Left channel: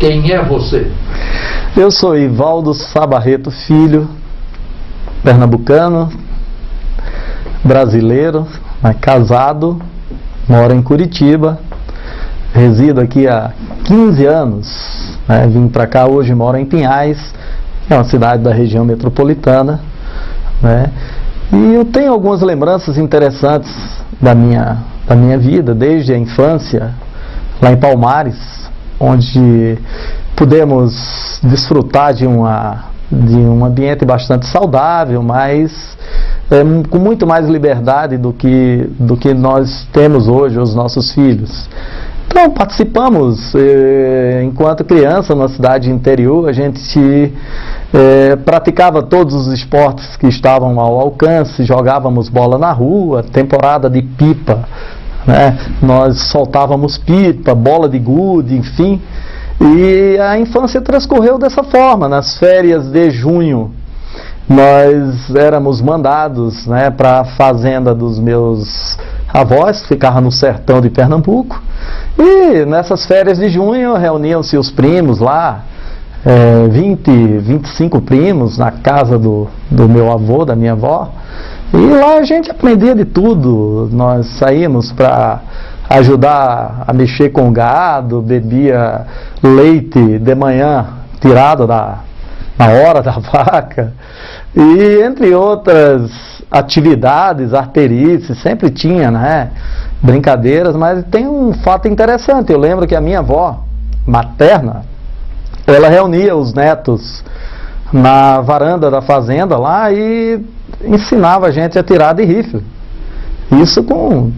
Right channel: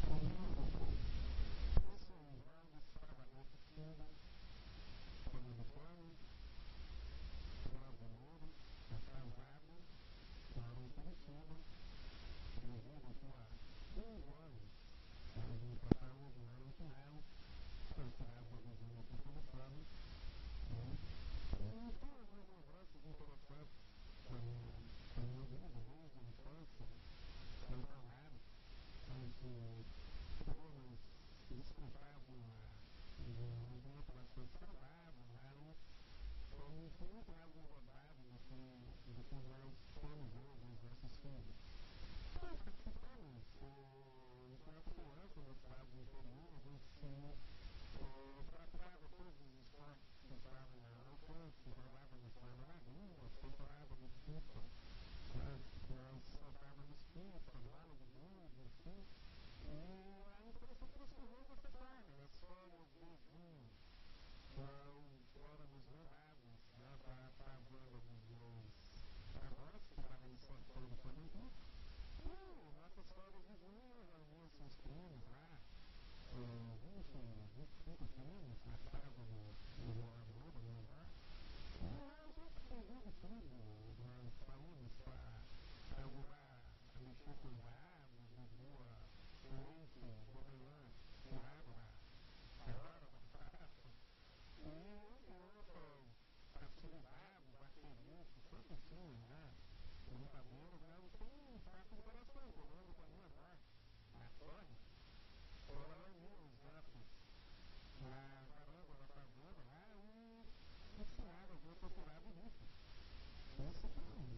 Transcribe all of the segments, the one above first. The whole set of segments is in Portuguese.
Quem é você? Eu sou Ivaldo Sabarreto Filho, pernambucano, brasileiro, casado, moro em Curitiba, resido aqui há 15 anos, vim para cá hoje, moro em Pinhais, que é uma cidade da região metropolitana, e eu tenho algumas lembranças interessantes da minha vida, desde a infância, lá em Palmares, onde pudemos desfrutar de um ambiente bastante saudável, mas com muito mais liberdade do que nós temos hoje, os nossos filhos. Então, participamos, enquanto criança, na cidade interior, a gente praticava todos os esportes que estavam ao alcance, jogávamos bola na rua, temporada de pipa, nós soltávamos pipa, bola de gude, enfim. E a infância transcorreu dessa forma. Nas férias de junho, nós éramos mandados para a fazenda dos meus avós, que ficava no sertão de Pernambuco. E nessas férias de junho reuniam-se os primos lá, 25 primos na casa do meu avô, da minha avó. E lá a gente aprendia de tudo. Nós saímos para ajudar a mexer com o gado, bebia leite de manhã tirado na hora da vaca, e entre outras atividades, arterices, sempre tinha, brincadeiras. Mas tem um fato interessante. Eu lembro que a minha avó materna, ela reunia os netos na varanda da fazenda lá e ensinava a gente a tirar de rifle. Isso com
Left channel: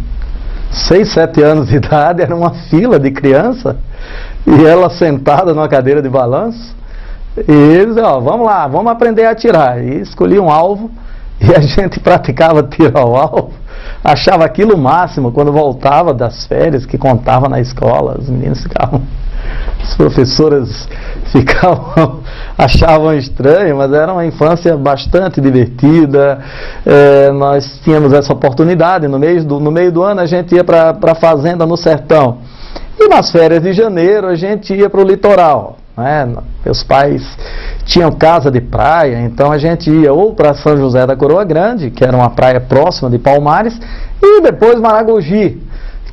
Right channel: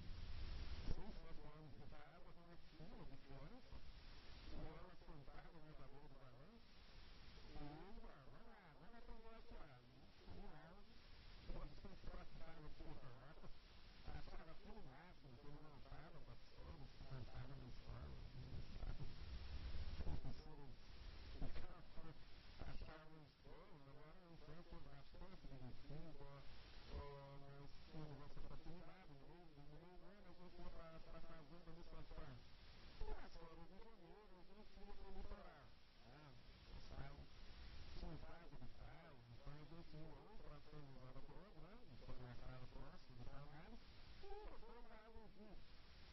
6, 7 anos de idade, era uma fila de criança, e ela sentada numa cadeira de balanço, e eles, vamos lá, vamos aprender a atirar. E escolhia um alvo, e a gente praticava tiro ao alvo, achava aquilo o máximo. Quando voltava das férias, que contava na escola, os meninos ficavam, as professoras achavam estranho, mas era uma infância bastante divertida. Nós tínhamos essa oportunidade. No meio do ano a gente ia para a fazenda no sertão, e nas férias de janeiro a gente ia para o litoral. Meus pais tinham casa de praia, então a gente ia ou para São José da Coroa Grande, que era uma praia próxima de Palmares, e depois Maragogi,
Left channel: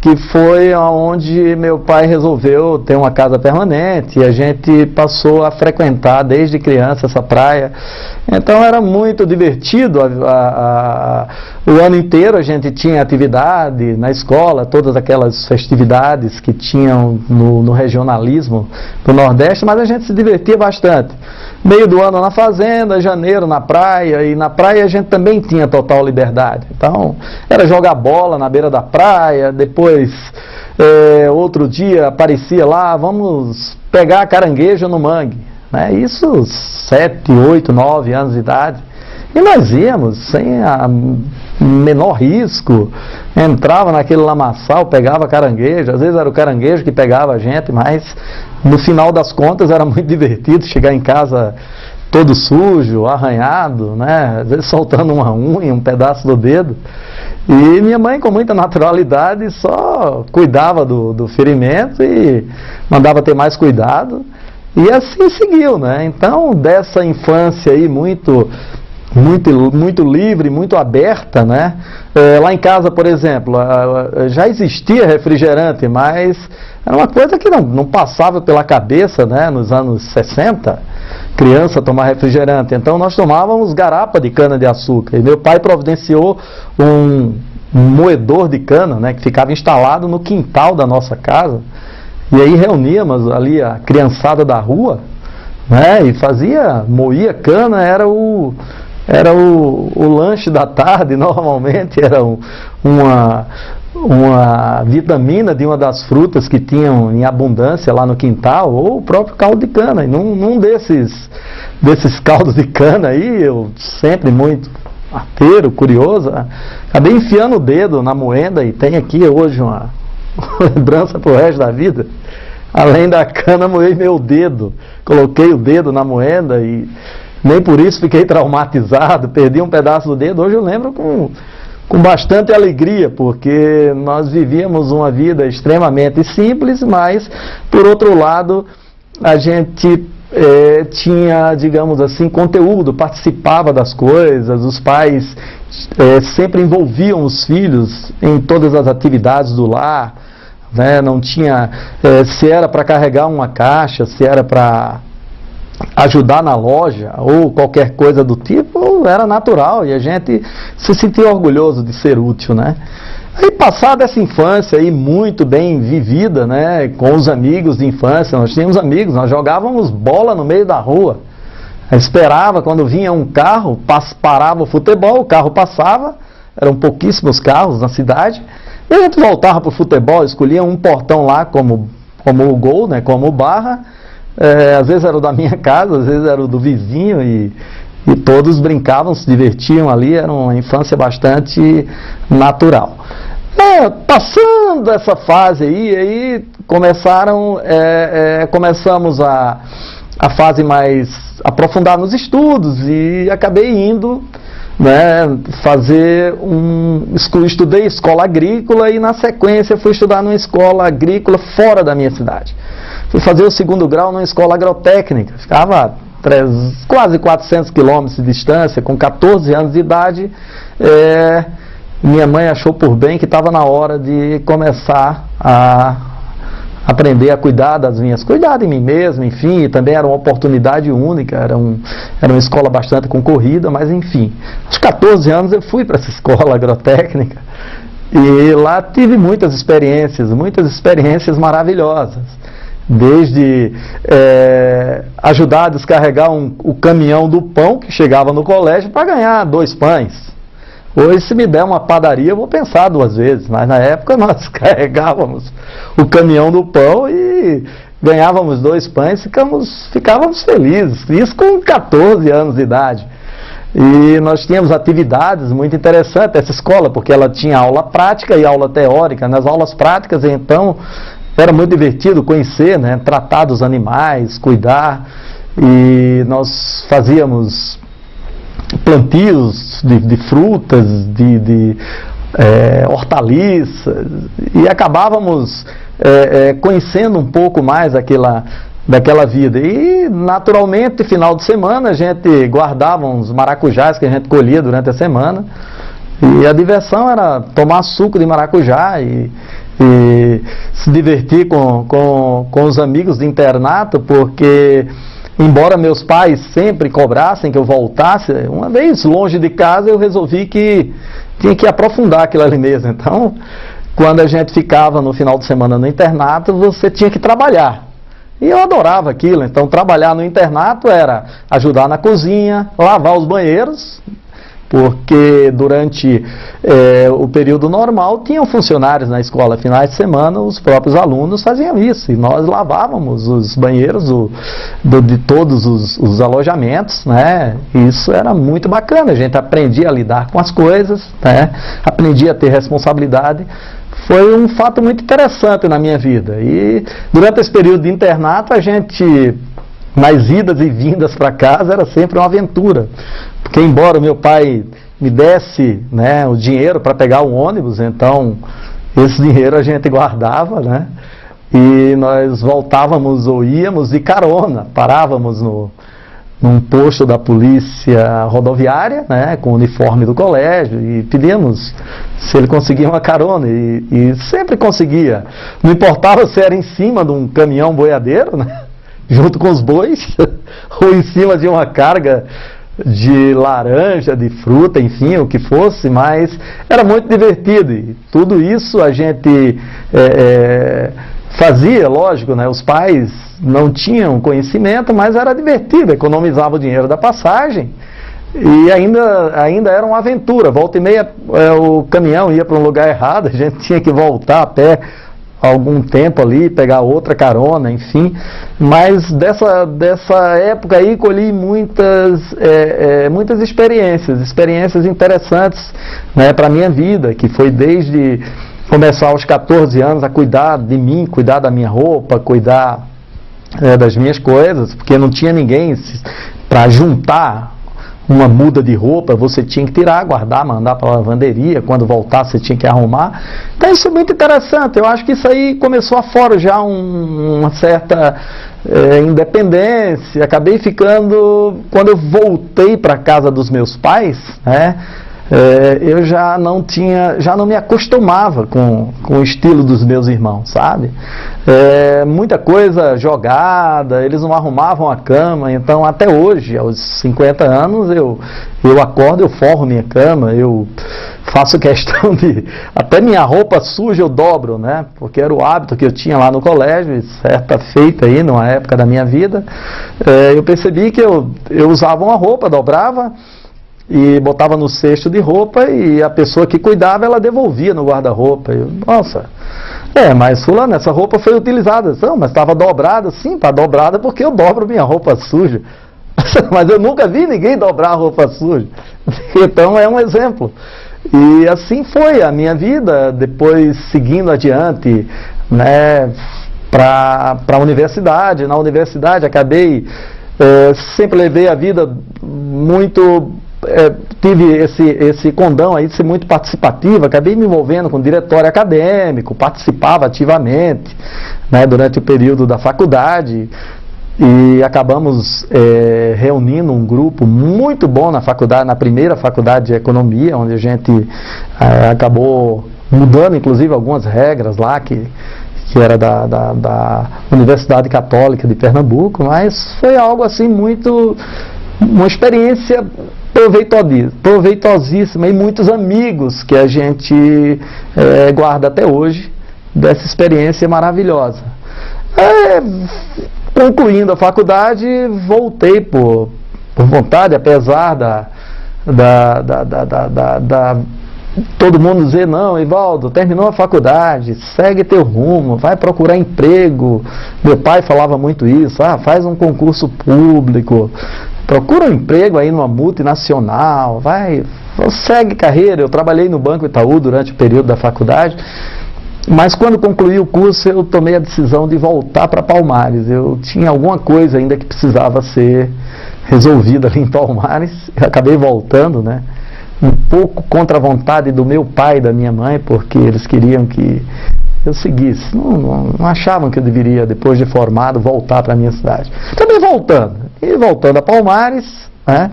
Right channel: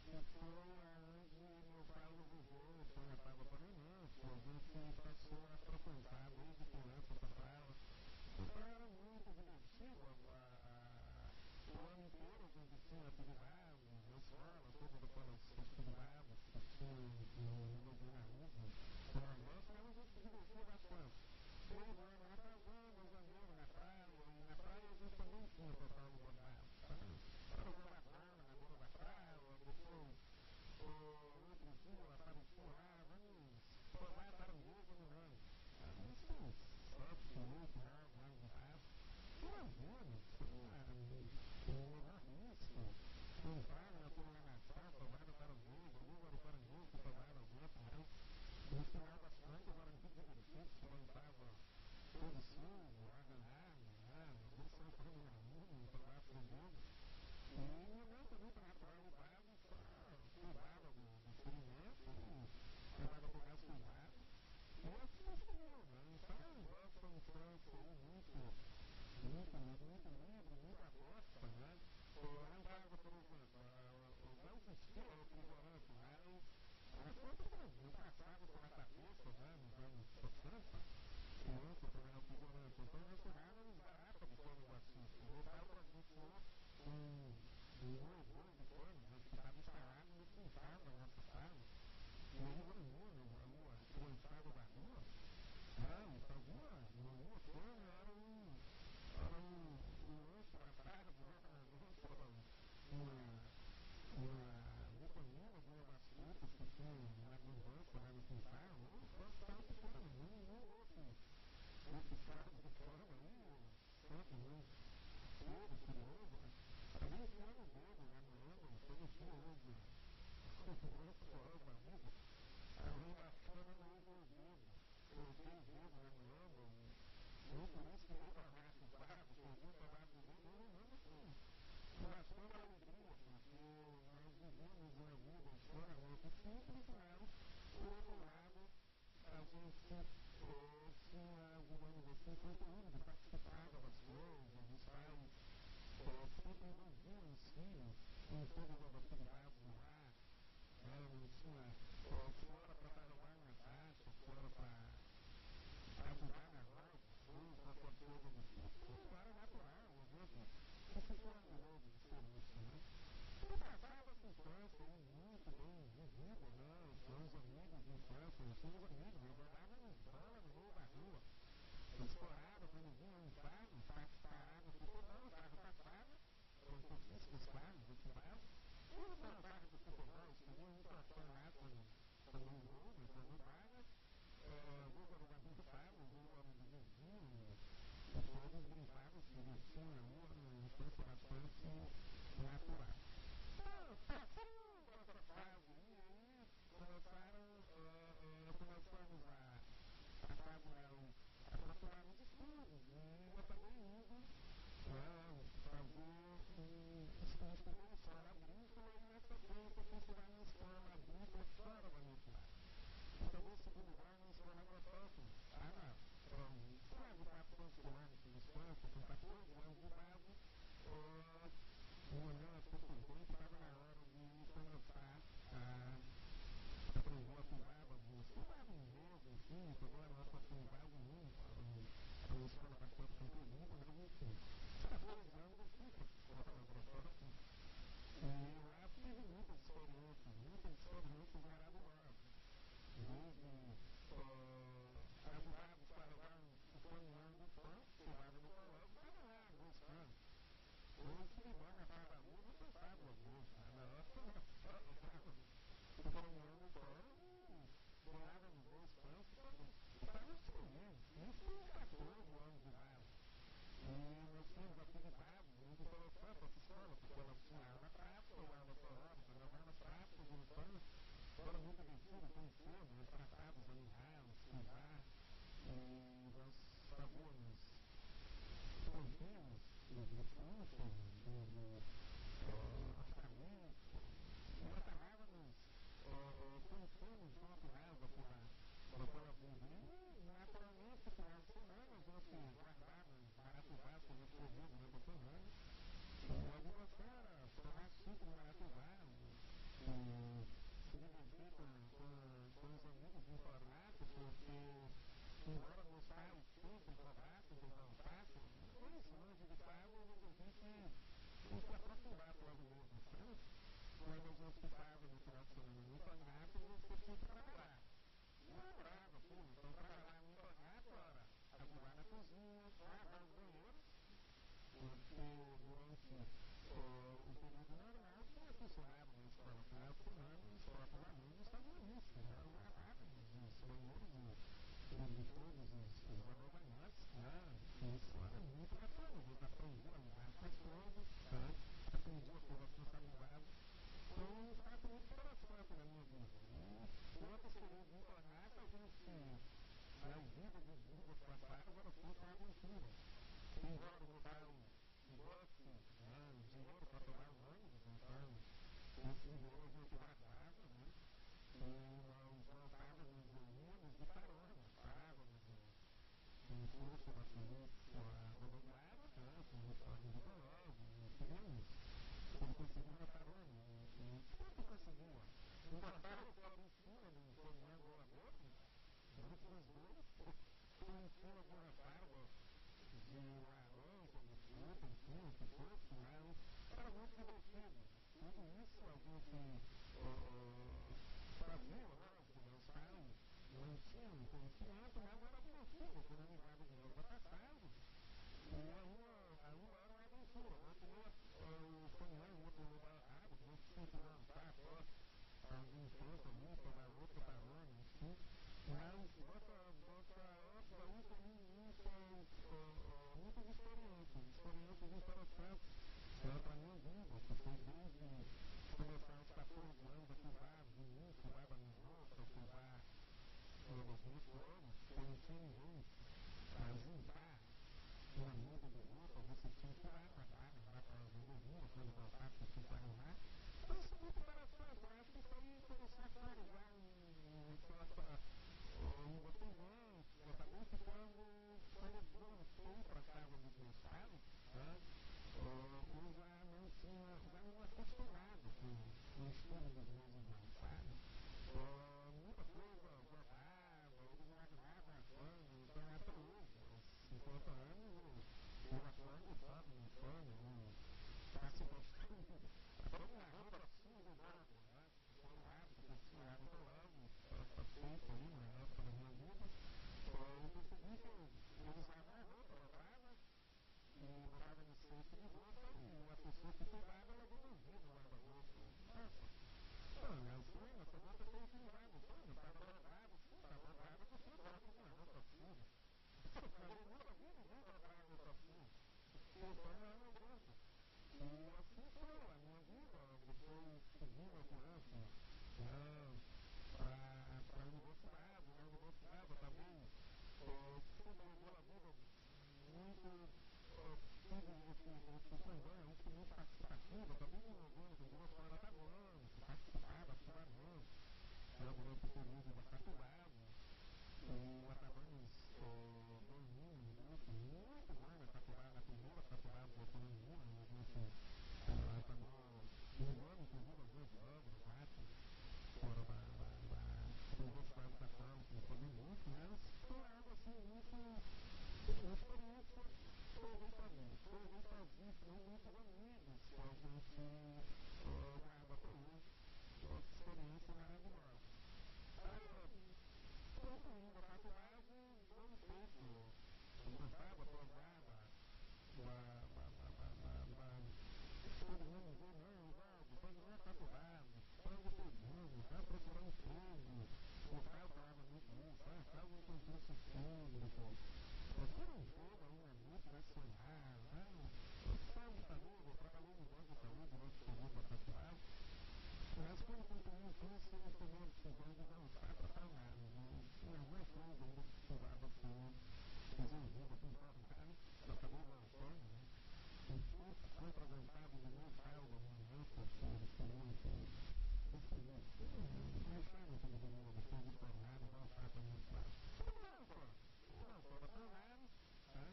que foi onde meu pai resolveu ter uma casa permanente, e a gente passou a frequentar desde criança essa praia. Então era muito divertido. O ano inteiro a gente tinha atividade na escola, todas aquelas festividades que tinham no regionalismo do Nordeste, mas a gente se divertia bastante. Meio do ano na fazenda, janeiro na praia, e na praia a gente também tinha total liberdade. Então, era jogar bola na beira da praia, depois, outro dia aparecia lá, vamos pegar caranguejo no mangue. Isso 7, 8, 9 anos de idade. E nós íamos sem a menor risco, entrava naquele lamaçal, pegava caranguejo. Às vezes era o caranguejo que pegava a gente, mas no final das contas era muito divertido chegar em casa todo sujo, arranhado, às vezes soltando uma unha, um pedaço do dedo. E minha mãe, com muita naturalidade, só cuidava do ferimento e mandava ter mais cuidado. E assim seguiu, Então, dessa infância aí muito livre, muito aberta, lá em casa, por exemplo, já existia refrigerante, mas era uma coisa que não passava pela cabeça, nos anos 60, criança tomar refrigerante. Então nós tomávamos garapa de cana-de-açúcar, e meu pai providenciou um moedor de cana, que ficava instalado no quintal da nossa casa. E aí reuníamos ali a criançada da rua, e moía cana, era o lanche da tarde. Normalmente era uma vitamina de uma das frutas que tinham em abundância lá no quintal, ou o próprio caldo de cana. E num desses caldos de cana aí, eu sempre muito arteiro, curioso, acabei enfiando o dedo na moenda, e tem aqui hoje uma lembrança pro resto da vida. Além da cana, moei meu dedo, coloquei o dedo na moenda e nem por isso fiquei traumatizado, perdi um pedaço do dedo. Hoje eu lembro com bastante alegria, porque nós vivíamos uma vida extremamente simples, mas, por outro lado, a gente tinha, digamos assim, conteúdo, participava das coisas, os pais sempre envolviam os filhos em todas as atividades do lar, né? Não tinha, se era para carregar uma caixa, se era para ajudar na loja ou qualquer coisa do tipo, era natural e a gente se sentia orgulhoso de ser útil, né? Aí, passada essa infância aí muito bem vivida, né, com os amigos de infância, nós tínhamos amigos, nós jogávamos bola no meio da rua, esperava quando vinha um carro, parava o futebol, o carro passava, eram pouquíssimos carros na cidade, e a gente voltava para o futebol, escolhia um portão lá como o gol, né, como barra, às vezes era o da minha casa, às vezes era o do vizinho, e todos brincavam, se divertiam ali, era uma infância bastante natural. Passando essa fase aí começamos a fase mais aprofundar nos estudos e acabei indo, né, estudei escola agrícola e na sequência fui estudar numa escola agrícola fora da minha cidade. Fui fazer o segundo grau numa escola agrotécnica, ficava quase 400 quilômetros de distância, com 14 anos de idade. Minha mãe achou por bem que estava na hora de começar a aprender a cuidar de mim mesmo, enfim, e também era uma oportunidade única, era uma escola bastante concorrida, mas enfim. Aos 14 anos eu fui para essa escola agrotécnica e lá tive muitas experiências maravilhosas. Desde ajudar a descarregar o caminhão do pão que chegava no colégio para ganhar 2 pães. Hoje, se me der uma padaria, eu vou pensar 2 vezes, mas na época nós carregávamos o caminhão do pão e ganhávamos 2 pães, ficávamos felizes, isso com 14 anos de idade. E nós tínhamos atividades muito interessantes, essa escola, porque ela tinha aula prática e aula teórica. Nas aulas práticas, então, era muito divertido conhecer, né, tratar dos animais, cuidar, e nós fazíamos plantios de frutas, de hortaliças, e acabávamos conhecendo um pouco mais daquela vida. E, naturalmente, final de semana, a gente guardava uns maracujás que a gente colhia durante a semana, e a diversão era tomar suco de maracujá e se divertir com os amigos de internato, porque embora meus pais sempre cobrassem que eu voltasse, uma vez longe de casa eu resolvi que tinha que aprofundar aquilo ali mesmo. Então, quando a gente ficava no final de semana no internato, você tinha que trabalhar. E eu adorava aquilo. Então, trabalhar no internato era ajudar na cozinha, lavar os banheiros, porque durante o período normal tinham funcionários na escola. Finais de semana os próprios alunos faziam isso e nós lavávamos os banheiros de todos os alojamentos, né? Isso era muito bacana, a gente aprendia a lidar com as coisas, né? Aprendia a ter responsabilidade. Foi um fato muito interessante na minha vida. E durante esse período de internato, a gente, nas idas e vindas para casa, era sempre uma aventura. Porque embora o meu pai me desse, né, o dinheiro para pegar o ônibus, então esse dinheiro a gente guardava, né, e nós voltávamos ou íamos de carona, parávamos num posto da polícia rodoviária, né, com o uniforme do colégio, e pedíamos se ele conseguia uma carona, e sempre conseguia. Não importava se era em cima de um caminhão boiadeiro, né, junto com os bois, ou em cima de uma carga de laranja, de fruta, enfim, o que fosse, mas era muito divertido. E tudo isso a gente fazia, lógico, né? Os pais não tinham conhecimento, mas era divertido, economizava o dinheiro da passagem e ainda era uma aventura. Volta e meia o caminhão ia para um lugar errado, a gente tinha que voltar a pé algum tempo ali, pegar outra carona, enfim. Mas dessa época aí colhi muitas experiências interessantes, né, para a minha vida, que foi desde começar aos 14 anos a cuidar de mim, cuidar da minha roupa, cuidar das minhas coisas, porque não tinha ninguém para juntar uma muda de roupa, você tinha que tirar, guardar, mandar para a lavanderia, quando voltar você tinha que arrumar. Então isso é muito interessante, eu acho que isso aí começou a forjar uma certa independência. Acabei ficando, quando eu voltei para a casa dos meus pais, né, eu já não me acostumava com o estilo dos meus irmãos, sabe? Muita coisa jogada, eles não arrumavam a cama, então até hoje, aos 50 anos, eu acordo, eu forro minha cama, eu faço questão de, até minha roupa suja eu dobro, né? Porque era o hábito que eu tinha lá no colégio, e certa feita aí, numa época da minha vida, eu percebi que eu usava uma roupa, dobrava, e botava no cesto de roupa, e a pessoa que cuidava, ela devolvia no guarda-roupa. Nossa, mas fulano, essa roupa foi utilizada. Não, mas estava dobrada. Sim, está dobrada porque eu dobro minha roupa suja. Mas eu nunca vi ninguém dobrar a roupa suja. Então é um exemplo. E assim foi a minha vida, depois seguindo adiante, né, para a universidade. Na universidade acabei, sempre levei a vida muito... tive esse condão aí de ser muito participativo, acabei me envolvendo com o diretório acadêmico, participava ativamente, né, durante o período da faculdade, e acabamos reunindo um grupo muito bom na faculdade, na primeira faculdade de economia, onde a gente acabou mudando inclusive algumas regras lá, que era da Universidade Católica de Pernambuco, mas foi algo assim uma experiência proveitosíssima, e muitos amigos que a gente guarda até hoje dessa experiência maravilhosa. Concluindo a faculdade, voltei por vontade, apesar todo mundo dizer: não, Ivaldo, terminou a faculdade, segue teu rumo, vai procurar emprego. Meu pai falava muito isso: faz um concurso público, procura um emprego aí numa multinacional, segue carreira. Eu trabalhei no Banco Itaú durante o período da faculdade, mas quando concluí o curso eu tomei a decisão de voltar para Palmares. Eu tinha alguma coisa ainda que precisava ser resolvida ali em Palmares, eu acabei voltando, né? Um pouco contra a vontade do meu pai e da minha mãe, porque eles queriam que eu seguisse. Não achavam que eu deveria, depois de formado, voltar para a minha cidade. Também voltando a Palmares, né?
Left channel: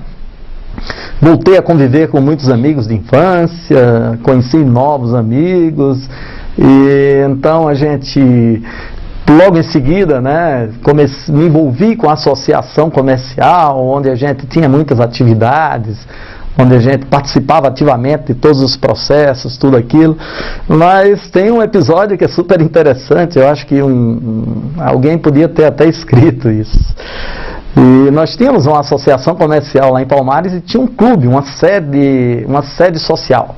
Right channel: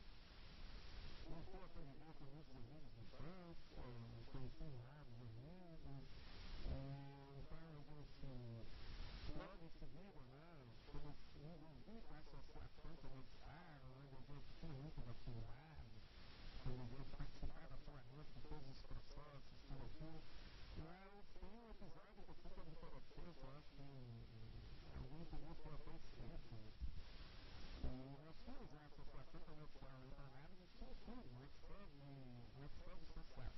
Voltei a conviver com muitos amigos de infância, conheci novos amigos, e então a gente, logo em seguida, né, me envolvi com a associação comercial, onde a gente tinha muitas atividades, onde a gente participava ativamente de todos os processos, tudo aquilo. Mas tem um episódio que é super interessante, eu acho que alguém podia ter até escrito isso. E nós tínhamos uma associação comercial lá em Palmares e tinha um clube, uma sede social.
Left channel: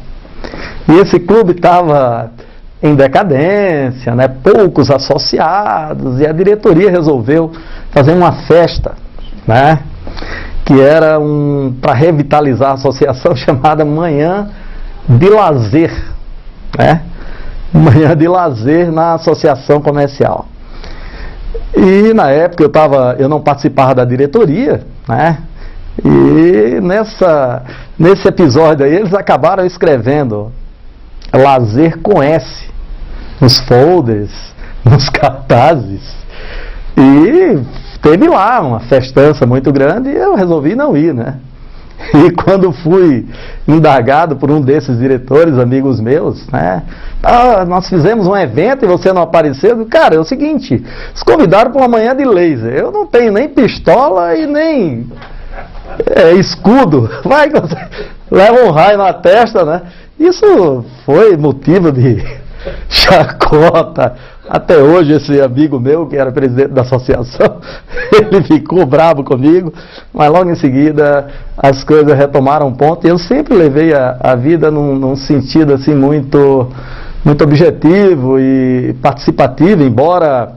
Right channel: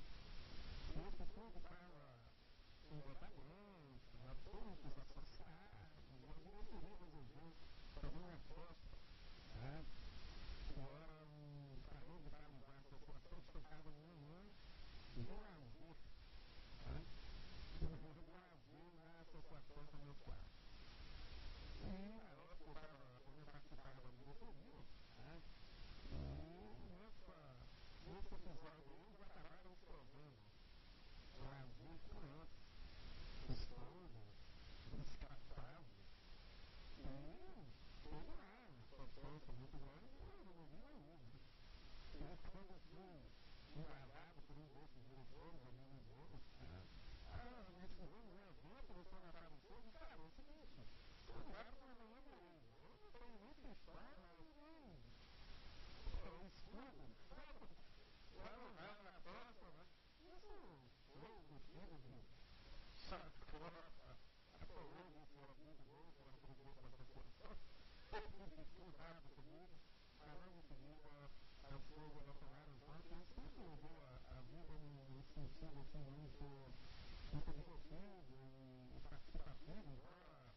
E esse clube estava em decadência, né, poucos associados, e a diretoria resolveu fazer uma festa, né, que era para revitalizar a associação, chamada Manhã de Lazer, né? Manhã de Lazer na associação comercial. E na época eu não participava da diretoria, né? E nesse episódio aí eles acabaram escrevendo Lazer com S nos folders, nos cartazes, e teve lá uma festança muito grande, e eu resolvi não ir, né? E quando fui indagado por um desses diretores, amigos meus, né? Nós fizemos um evento e você não apareceu. Cara, é o seguinte, eles convidaram para uma manhã de laser. Eu não tenho nem pistola e nem escudo. Vai que você leva um raio na testa, né? Isso foi motivo de chacota. Até hoje esse amigo meu, que era presidente da associação, ele ficou bravo comigo, mas logo em seguida as coisas retomaram ponto, e eu sempre levei a vida num sentido assim muito objetivo e participativo, embora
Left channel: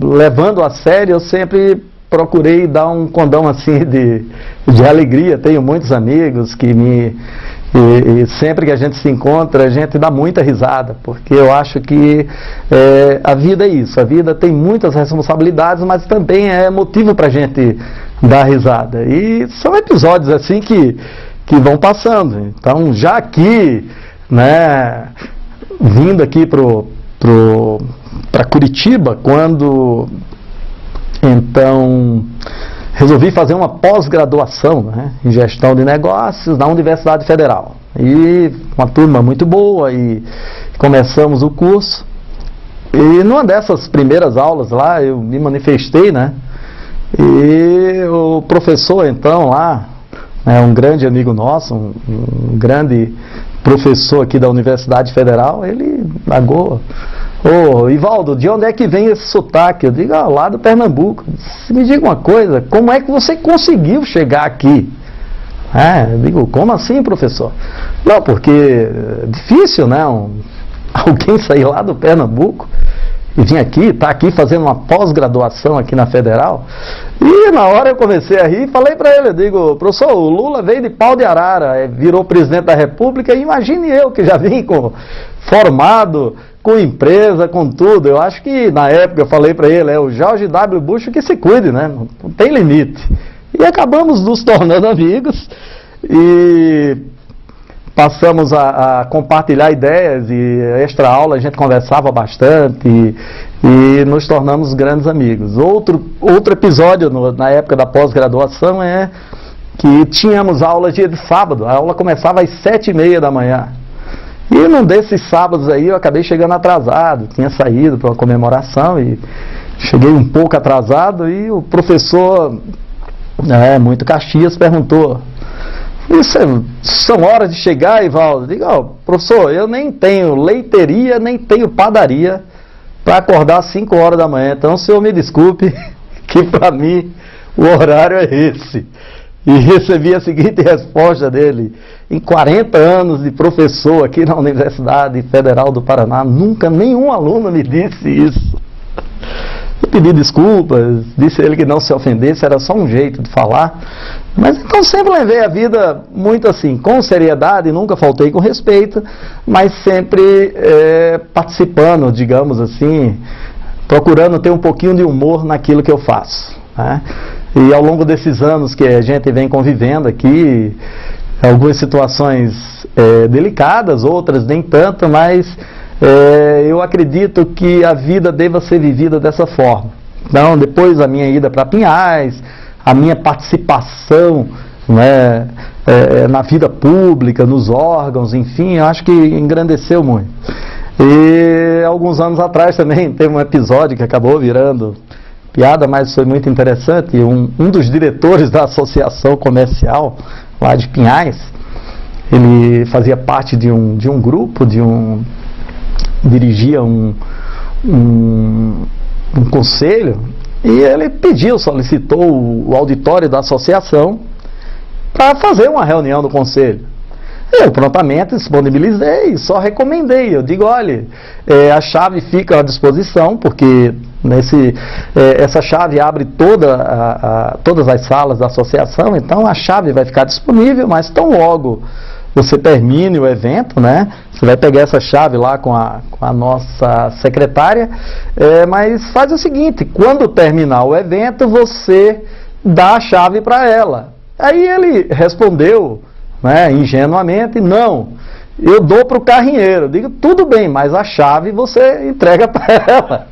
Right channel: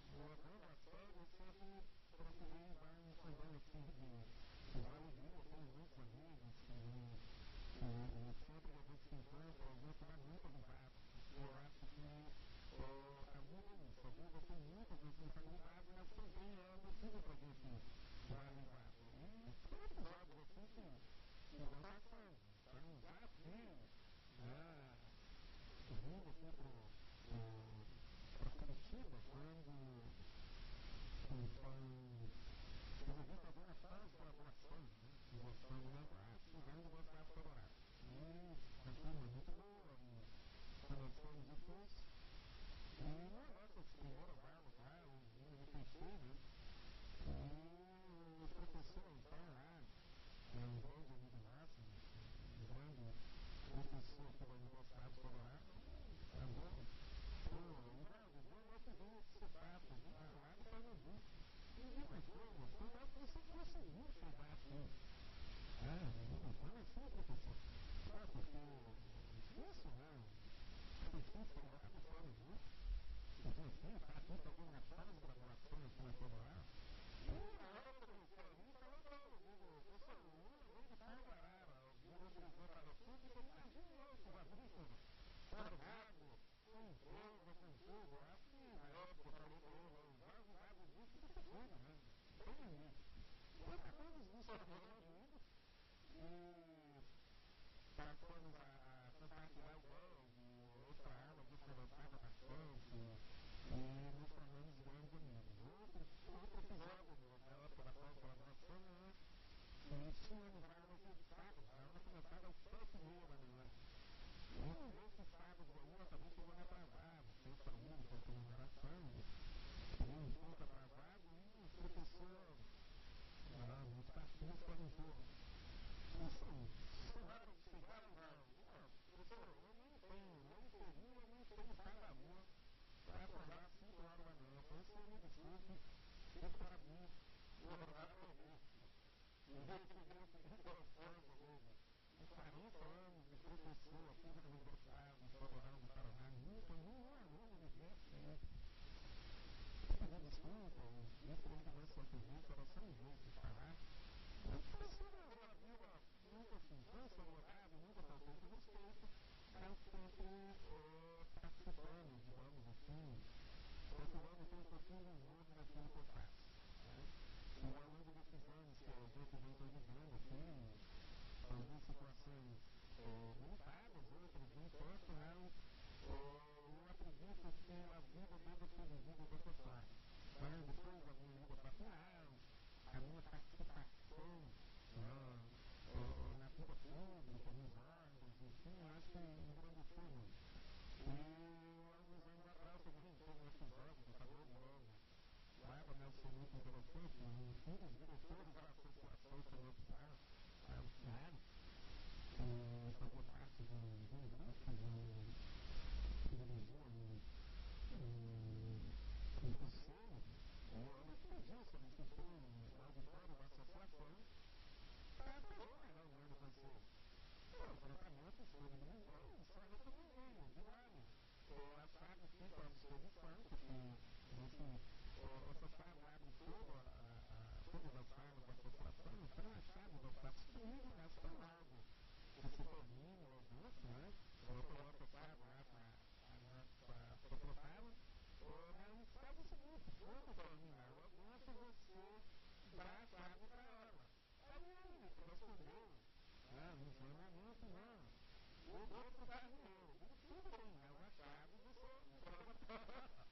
levando a sério, eu sempre procurei dar um condão assim de alegria. Tenho muitos amigos que E sempre que a gente se encontra, a gente dá muita risada, porque eu acho que a vida é isso, a vida tem muitas responsabilidades, mas também é motivo para a gente dar risada. E são episódios assim que vão passando. Então, já aqui, né, vindo aqui para Curitiba, quando então resolvi fazer uma pós-graduação, né, em gestão de negócios na Universidade Federal. E uma turma muito boa, e começamos o curso. E numa dessas primeiras aulas lá, eu me manifestei, né? E o professor, então, lá, um grande amigo nosso, um grande professor aqui da Universidade Federal, ele pagou: ô, Ivaldo, de onde é que vem esse sotaque? Eu digo: lá do Pernambuco. Me diga uma coisa, como é que você conseguiu chegar aqui? Eu digo: como assim, professor? Não, porque é difícil, né? Alguém sair lá do Pernambuco e vir aqui, tá aqui fazendo uma pós-graduação aqui na Federal. E na hora eu comecei a rir e falei para ele, eu digo: professor, o Lula veio de Pau de Arara, virou presidente da República, e imagine eu que já vim formado, com empresa, com tudo. Eu acho que na época eu falei para ele, o George W. Bush que se cuide, né? Não tem limite. E acabamos nos tornando amigos e passamos a compartilhar ideias, e extra aula a gente conversava bastante e nos tornamos grandes amigos. Outro episódio na época da pós-graduação é que tínhamos aula dia de sábado. A aula começava às 7h30 da manhã. E num desses sábados aí eu acabei chegando atrasado, tinha saído para uma comemoração e cheguei um pouco atrasado, e o professor, muito Caxias, perguntou: são horas de chegar, Ivaldo? Eu digo: professor, eu nem tenho leiteria, nem tenho padaria para acordar às 5 horas da manhã, então o senhor me desculpe, que para mim o horário é esse. E recebi a seguinte resposta dele: em 40 anos de professor aqui na Universidade Federal do Paraná, nunca nenhum aluno me disse isso. Eu pedi desculpas, disse a ele que não se ofendesse, era só um jeito de falar. Mas então sempre levei a vida muito assim, com seriedade, nunca faltei com respeito, mas sempre participando, digamos assim, procurando ter um pouquinho de humor naquilo que eu faço, né? E ao longo desses anos que a gente vem convivendo aqui, algumas situações delicadas, outras nem tanto, mas eu acredito que a vida deva ser vivida dessa forma. Então, depois da minha ida para Pinhais, a minha participação, né, na vida pública, nos órgãos, enfim, eu acho que engrandeceu muito. E alguns anos atrás também teve um episódio que acabou virando piada, mas foi muito interessante. Um dos diretores da associação comercial lá de Pinhais, ele fazia parte de um grupo, dirigia um conselho, e ele solicitou o auditório da associação para fazer uma reunião do conselho. Eu prontamente disponibilizei e só recomendei. Eu digo: olha, a chave fica à disposição, porque essa chave abre todas as salas da associação, então a chave vai ficar disponível, mas tão logo você termine o evento, né? Você vai pegar essa chave lá com a nossa secretária, mas faz o seguinte: quando terminar o evento, você dá a chave para ela. Aí ele respondeu, né, ingenuamente: não, eu dou para o carrinheiro. Eu digo: tudo bem, mas a chave você entrega para ela.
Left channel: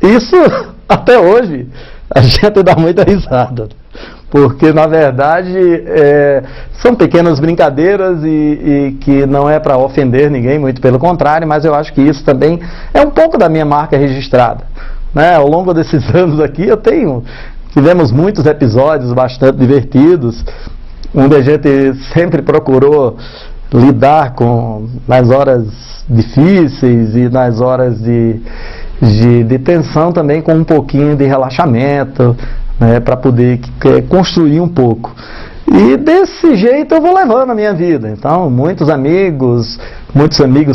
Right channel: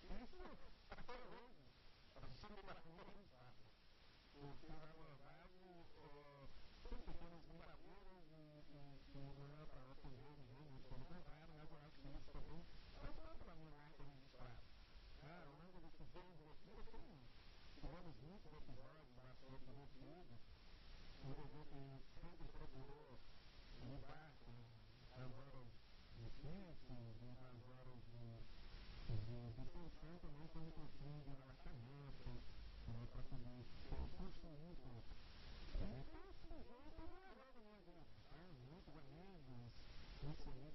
Isso, até hoje, a gente dá muita risada, porque na verdade são pequenas brincadeiras e que não é para ofender ninguém, muito pelo contrário, mas eu acho que isso também é um pouco da minha marca registrada, né? Ao longo desses anos aqui tivemos muitos episódios bastante divertidos, onde a gente sempre procurou lidar nas horas difíceis e nas horas de tensão também, com um pouquinho de relaxamento, né, para poder construir um pouco. E desse jeito eu vou levando a minha vida. Então, muitos amigos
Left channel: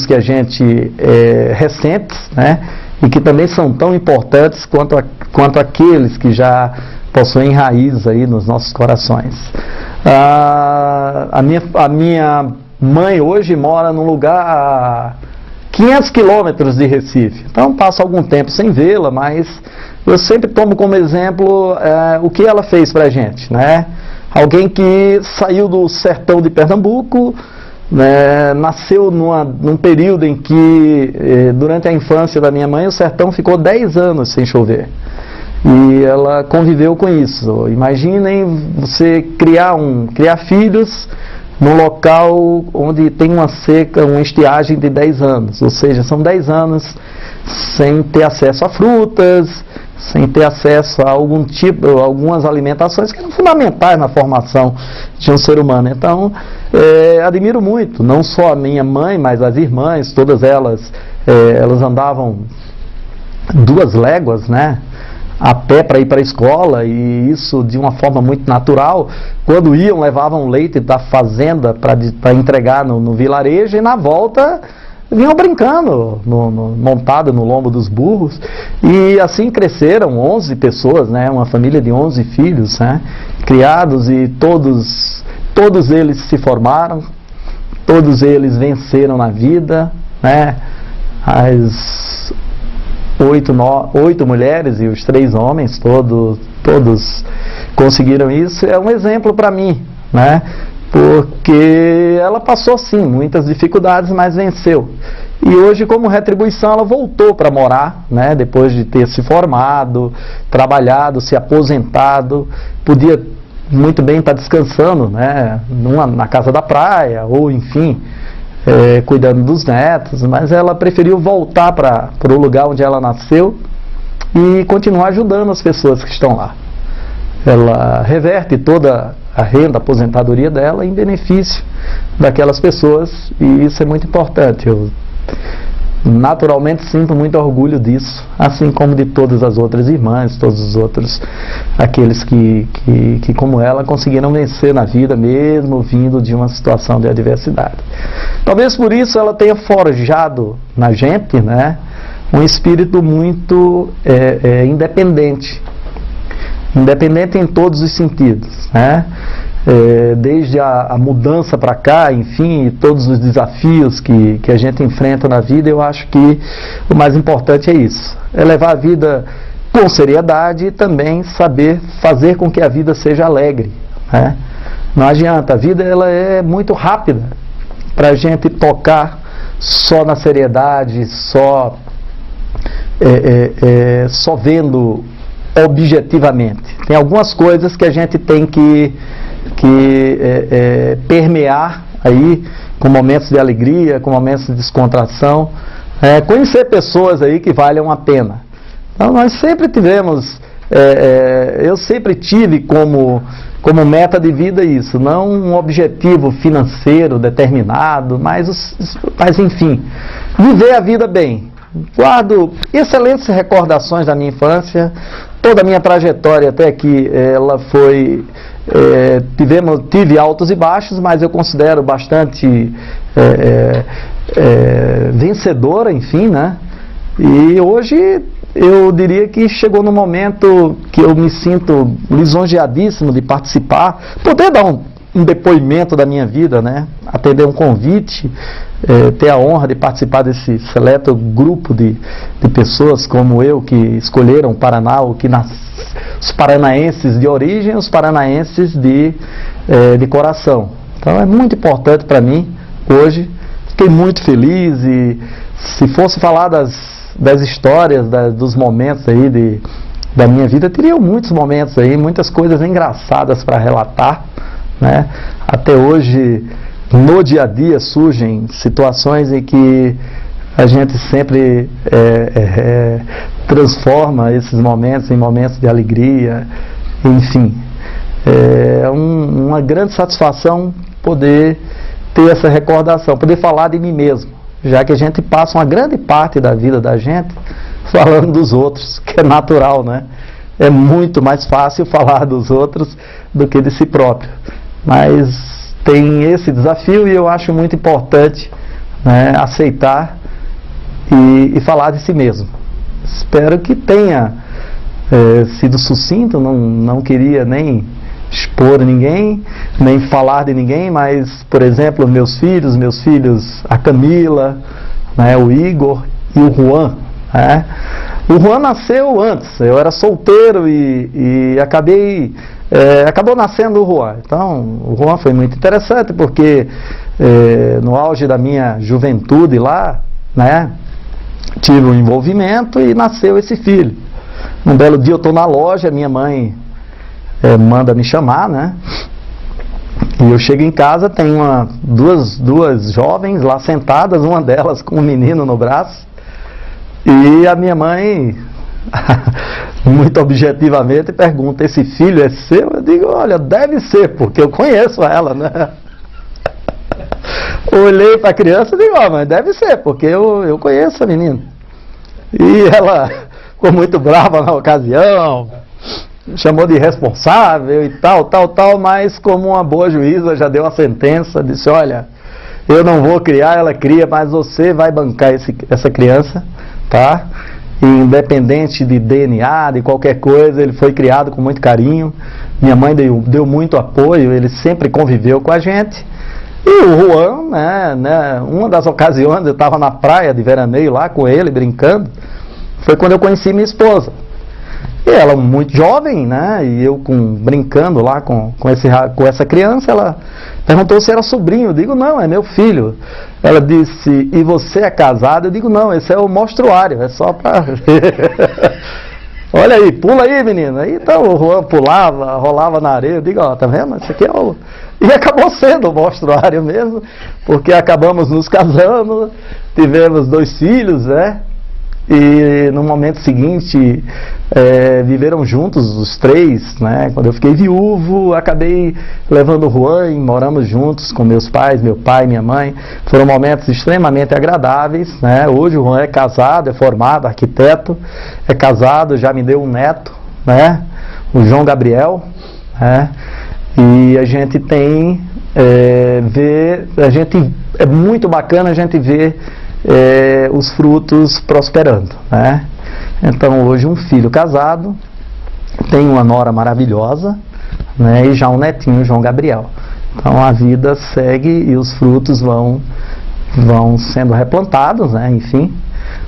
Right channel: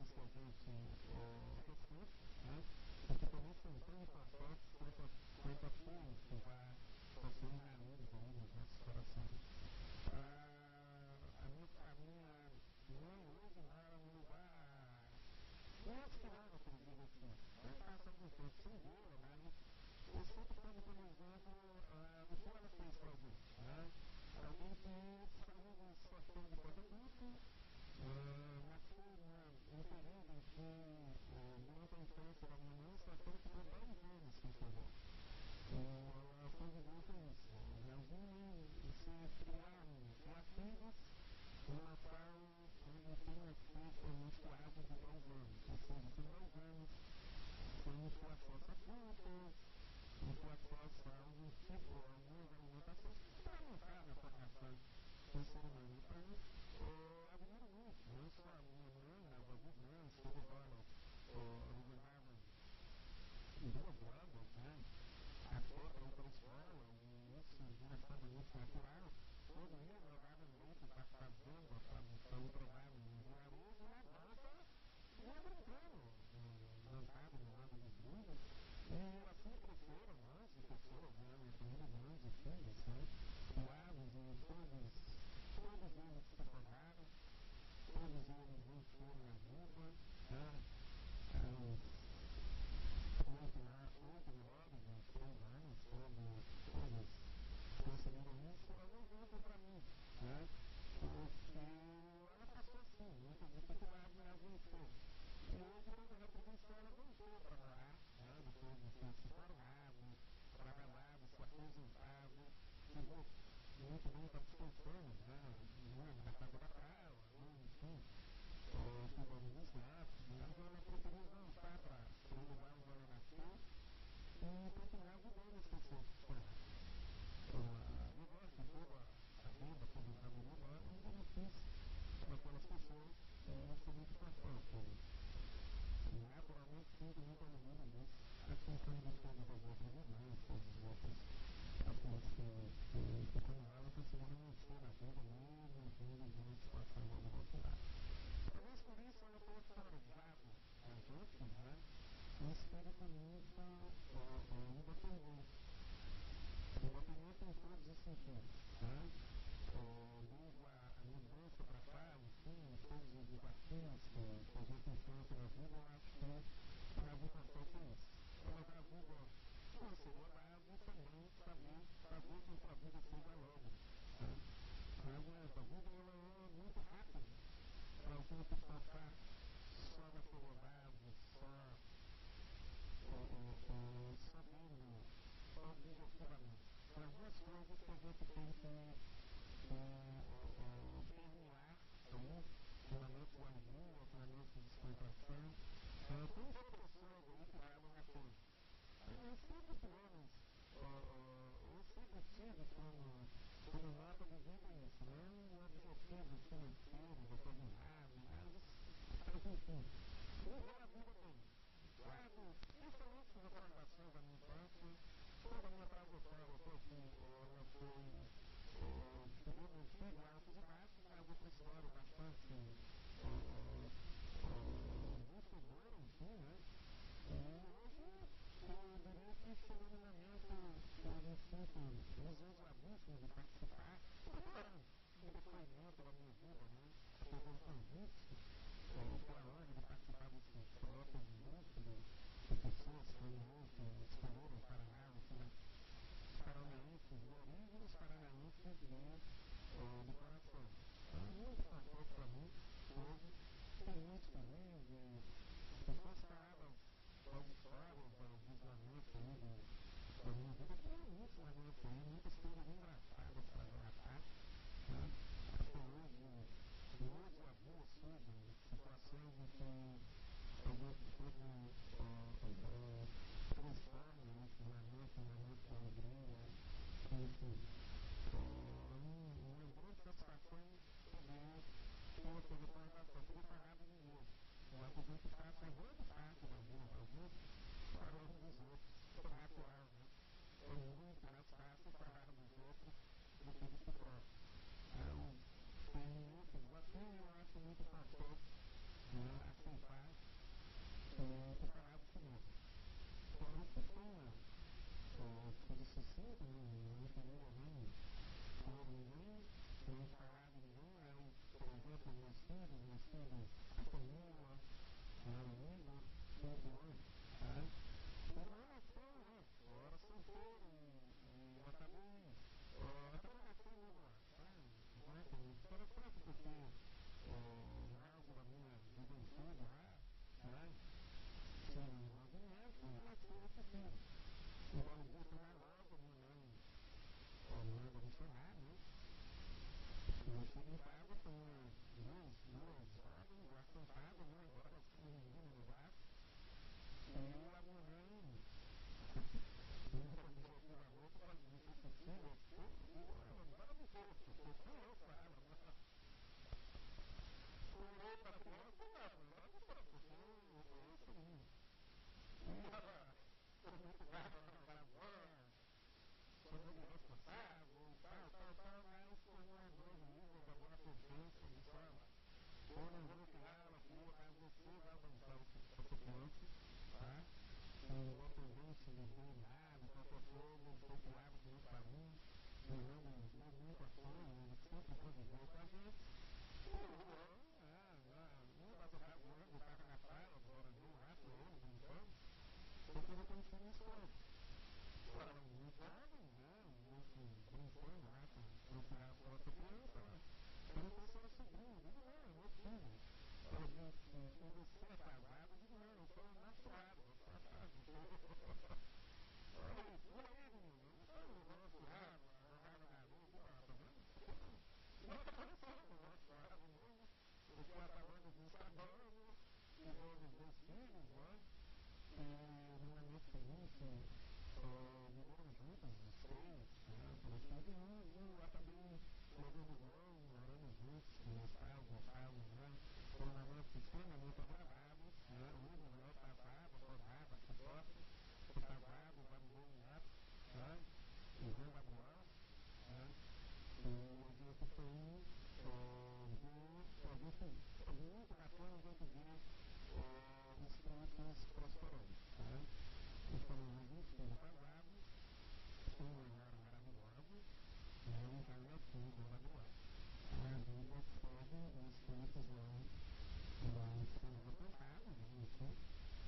que a gente recentes, né, e que também são tão importantes quanto aqueles que já possuem raízes aí nos nossos corações. A minha mãe hoje mora num lugar a 500 quilômetros de Recife. Então passo algum tempo sem vê-la, mas eu sempre tomo como exemplo o que ela fez para a gente, né? Alguém que saiu do sertão de Pernambuco, né, nasceu num período em que, durante a infância da minha mãe, o sertão ficou 10 anos sem chover. E ela conviveu com isso. Imaginem você criar filhos num local onde tem uma seca, uma estiagem de 10 anos. Ou seja, são 10 anos sem ter acesso a frutas, sem ter acesso a algumas alimentações que eram fundamentais na formação de um ser humano. Então, admiro muito, não só a minha mãe, mas as irmãs, todas elas andavam 2 léguas, né, a pé para ir para a escola, e isso de uma forma muito natural. Quando iam, levavam leite da fazenda para entregar no vilarejo, e na volta vinham brincando, montado no lombo dos burros, e assim cresceram 11 pessoas, né, uma família de 11 filhos, né, criados, e todos eles se formaram, todos eles venceram na vida, né, as 8 mulheres e os 3 homens, todos conseguiram isso. É um exemplo para mim, né? Porque ela passou sim muitas dificuldades, mas venceu. E hoje, como retribuição, ela voltou para morar, né? Depois de ter se formado, trabalhado, se aposentado, podia muito bem estar descansando, né? Na casa da praia, ou enfim, cuidando dos netos, mas ela preferiu voltar para o lugar onde ela nasceu e continuar ajudando as pessoas que estão lá. Ela reverte toda a renda, a aposentadoria dela em benefício daquelas pessoas, e isso é muito importante. Eu naturalmente sinto muito orgulho disso, assim como de todas as outras irmãs, todos os outros, aqueles que como ela conseguiram vencer na vida, mesmo vindo de uma situação de adversidade. Talvez por isso ela tenha forjado na gente, né, um espírito muito independente em todos os sentidos, né? Desde a mudança para cá, enfim, todos os desafios que a gente enfrenta na vida, eu acho que o mais importante é isso, é levar a vida com seriedade e também saber fazer com que a vida seja alegre, né? Não adianta, a vida ela é muito rápida para a gente tocar só na seriedade, só vendo objetivamente. Tem algumas coisas que a gente tem que permear aí, com momentos de alegria, com momentos de descontração, conhecer pessoas aí que valham a pena. Então nós sempre tivemos, eu sempre tive como meta de vida isso, não um objetivo financeiro determinado, mas enfim, viver a vida bem. Guardo excelentes recordações da minha infância, toda a minha trajetória até aqui, ela foi... tive altos e baixos, mas eu considero bastante vencedora, enfim, né? E hoje eu diria que chegou no momento que eu me sinto lisonjeadíssimo de participar, poder dar um depoimento da minha vida, né? Atender um convite, ter a honra de participar desse seleto grupo de pessoas como eu, que escolheram o Paraná, os paranaenses de origem, os paranaenses de coração. Então é muito importante para mim hoje. Fiquei muito feliz, e se fosse falar das histórias, dos momentos aí da minha vida, teria muitos momentos aí, muitas coisas engraçadas para relatar, né? Até hoje, no dia a dia, surgem situações em que a gente sempre transforma esses momentos em momentos de alegria, enfim. É uma grande satisfação poder ter essa recordação, poder falar de mim mesmo, já que a gente passa uma grande parte da vida da gente falando dos outros, que é natural, né? É muito mais fácil falar dos outros do que de si próprio. Mas tem esse desafio, e eu acho muito importante, né, aceitar e falar de si mesmo. Espero que tenha sido sucinto, não queria nem expor ninguém, nem falar de ninguém, mas, por exemplo, meus filhos, a Camila, né, o Igor e o Juan, né? O Juan nasceu antes, eu era solteiro e acabou nascendo o Juan. Então, o Juan foi muito interessante porque no auge da minha juventude lá, né, tive um envolvimento e nasceu esse filho. Um belo dia eu estou na loja, minha mãe manda me chamar, né? E eu chego em casa, tem duas jovens lá sentadas, uma delas com um menino no braço. E a minha mãe, muito objetivamente, pergunta: esse filho é seu? Eu digo: olha, deve ser, porque eu conheço ela, né? Olhei para a criança e digo: ó, mas deve ser, porque eu conheço a menina. E ela ficou muito brava na ocasião, chamou de irresponsável e tal, mas como uma boa juíza já deu a sentença, disse: olha, eu não vou criar, ela cria, mas você vai bancar essa criança, tá? E independente de DNA, de qualquer coisa, ele foi criado com muito carinho. Minha mãe deu muito apoio, ele sempre conviveu com a gente. E o Juan, né, uma das ocasiões, eu estava na praia de veraneio lá com ele, brincando, foi quando eu conheci minha esposa. E ela muito jovem, né, e eu brincando lá com essa criança, ela perguntou se era sobrinho. Eu digo: não, é meu filho. Ela disse: e você é casado? Eu digo: não, esse é o mostruário, é só para... Olha aí, pula aí, menina. Aí então o Juan pulava, rolava na areia. Eu digo: ó, tá vendo? Esse aqui é o... E acabou sendo o mostruário mesmo, porque acabamos nos casando, tivemos 2 filhos, né? E no momento seguinte, viveram juntos os 3, né? Quando eu fiquei viúvo, acabei levando o Juan e moramos juntos com meus pais, meu pai e minha mãe. Foram momentos extremamente agradáveis, né? Hoje o Juan é casado, é formado, arquiteto, é casado, já me deu um neto, né? O João Gabriel, né? E a gente tem, é muito bacana a gente ver os frutos prosperando, né? Então hoje um filho casado, tem uma nora maravilhosa, né? E já um netinho, João Gabriel. Então a vida segue e os frutos vão sendo replantados, né? Enfim,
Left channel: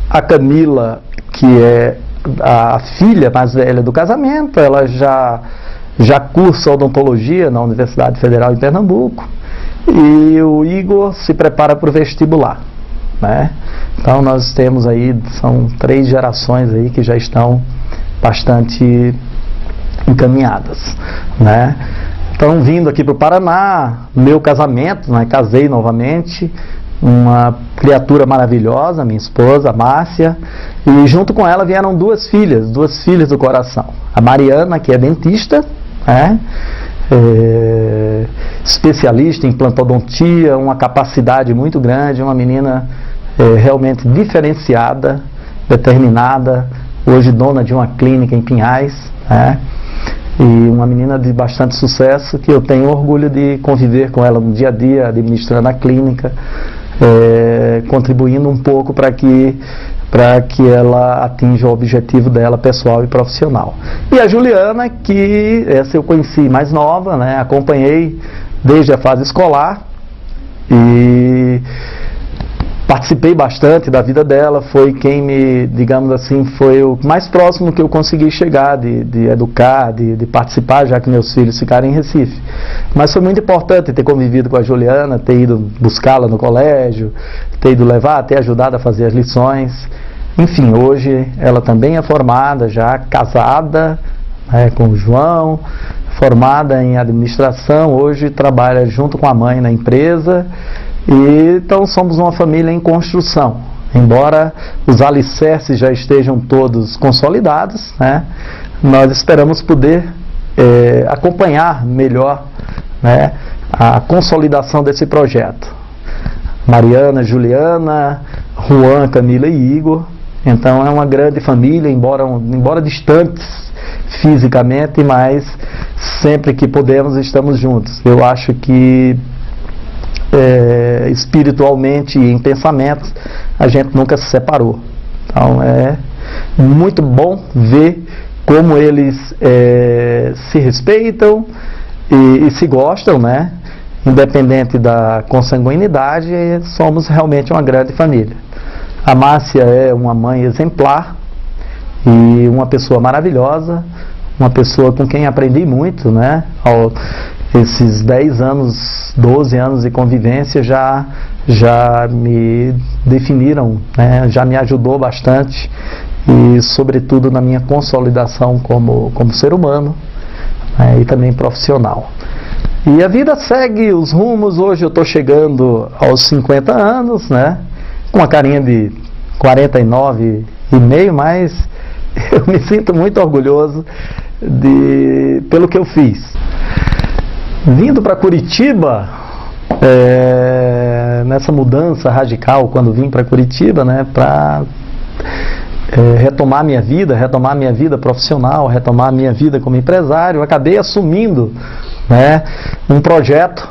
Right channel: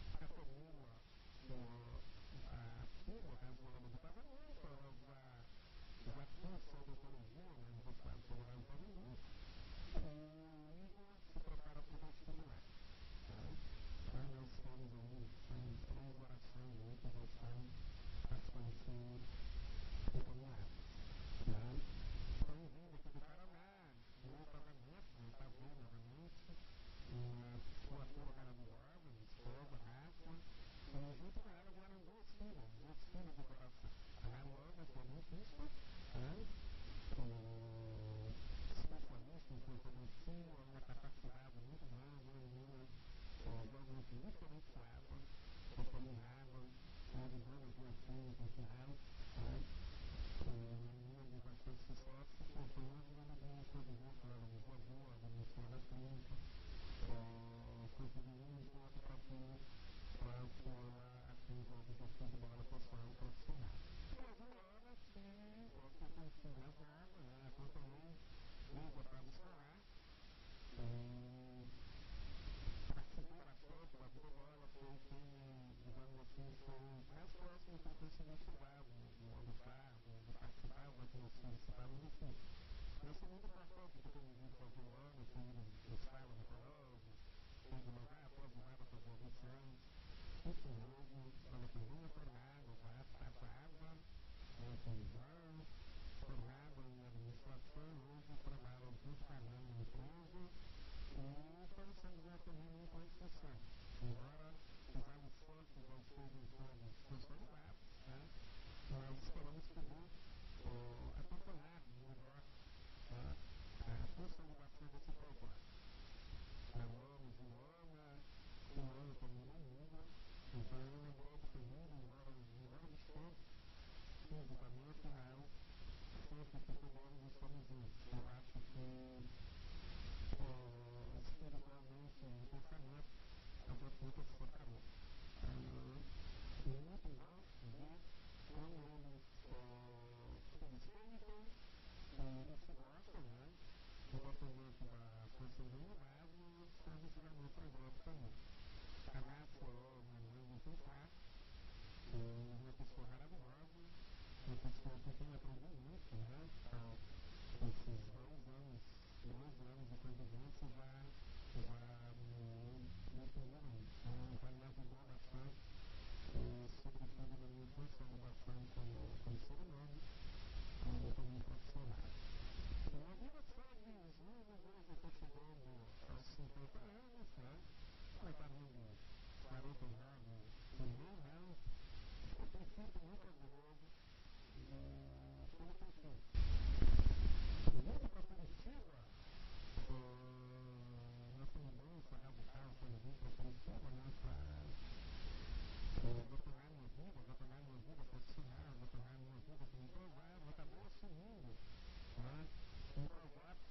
a Camila, que é a filha mais velha do casamento, ela já cursa odontologia na Universidade Federal de Pernambuco, e o Igor se prepara para o vestibular, né? Então nós temos aí, são 3 gerações aí que já estão bastante encaminhadas, né? Então, vindo aqui para o Paraná, meu casamento, né? Casei novamente, uma criatura maravilhosa, minha esposa, a Márcia, e junto com ela vieram 2 filhas do coração. A Mariana, que é dentista, né? Especialista em implantodontia, uma capacidade muito grande, uma menina realmente diferenciada, determinada, hoje dona de uma clínica em Pinhais, né? E uma menina de bastante sucesso, que eu tenho orgulho de conviver com ela no dia a dia, administrando a clínica, contribuindo um pouco para que ela atinja o objetivo dela pessoal e profissional. E a Juliana, que essa eu conheci mais nova, né? Acompanhei desde a fase escolar e participei bastante da vida dela, foi quem me, digamos assim, foi o mais próximo que eu consegui chegar de educar, de participar, já que meus filhos ficaram em Recife. Mas foi muito importante ter convivido com a Juliana, ter ido buscá-la no colégio, ter ido levar, ter ajudado a fazer as lições. Enfim, hoje ela também é formada, já casada, né, com o João, formada em administração, hoje trabalha junto com a mãe na empresa. E então somos uma família em construção, embora os alicerces já estejam todos consolidados, né? Nós esperamos poder acompanhar melhor, né, a consolidação desse projeto. Mariana, Juliana, Juan, Camila e Igor. Então é uma grande família, embora distantes fisicamente, mas sempre que podemos estamos juntos. Eu acho que espiritualmente e em pensamentos a gente nunca se separou. Então é muito bom ver como eles se respeitam e se gostam, né? Independente da consanguinidade, somos realmente uma grande família. A Márcia é uma mãe exemplar, e uma pessoa maravilhosa, uma pessoa com quem aprendi muito, né? Esses 10 anos, 12 anos de convivência já me definiram, né? Já me ajudou bastante e sobretudo na minha consolidação como ser humano, né? E também profissional. E a vida segue os rumos. Hoje eu estou chegando aos 50 anos, né? Com uma carinha de 49,5, mas eu me sinto muito orgulhoso pelo que eu fiz. Vindo para Curitiba, nessa mudança radical, quando vim para Curitiba, né, para retomar minha vida profissional, retomar minha vida como empresário, eu acabei assumindo, né, um projeto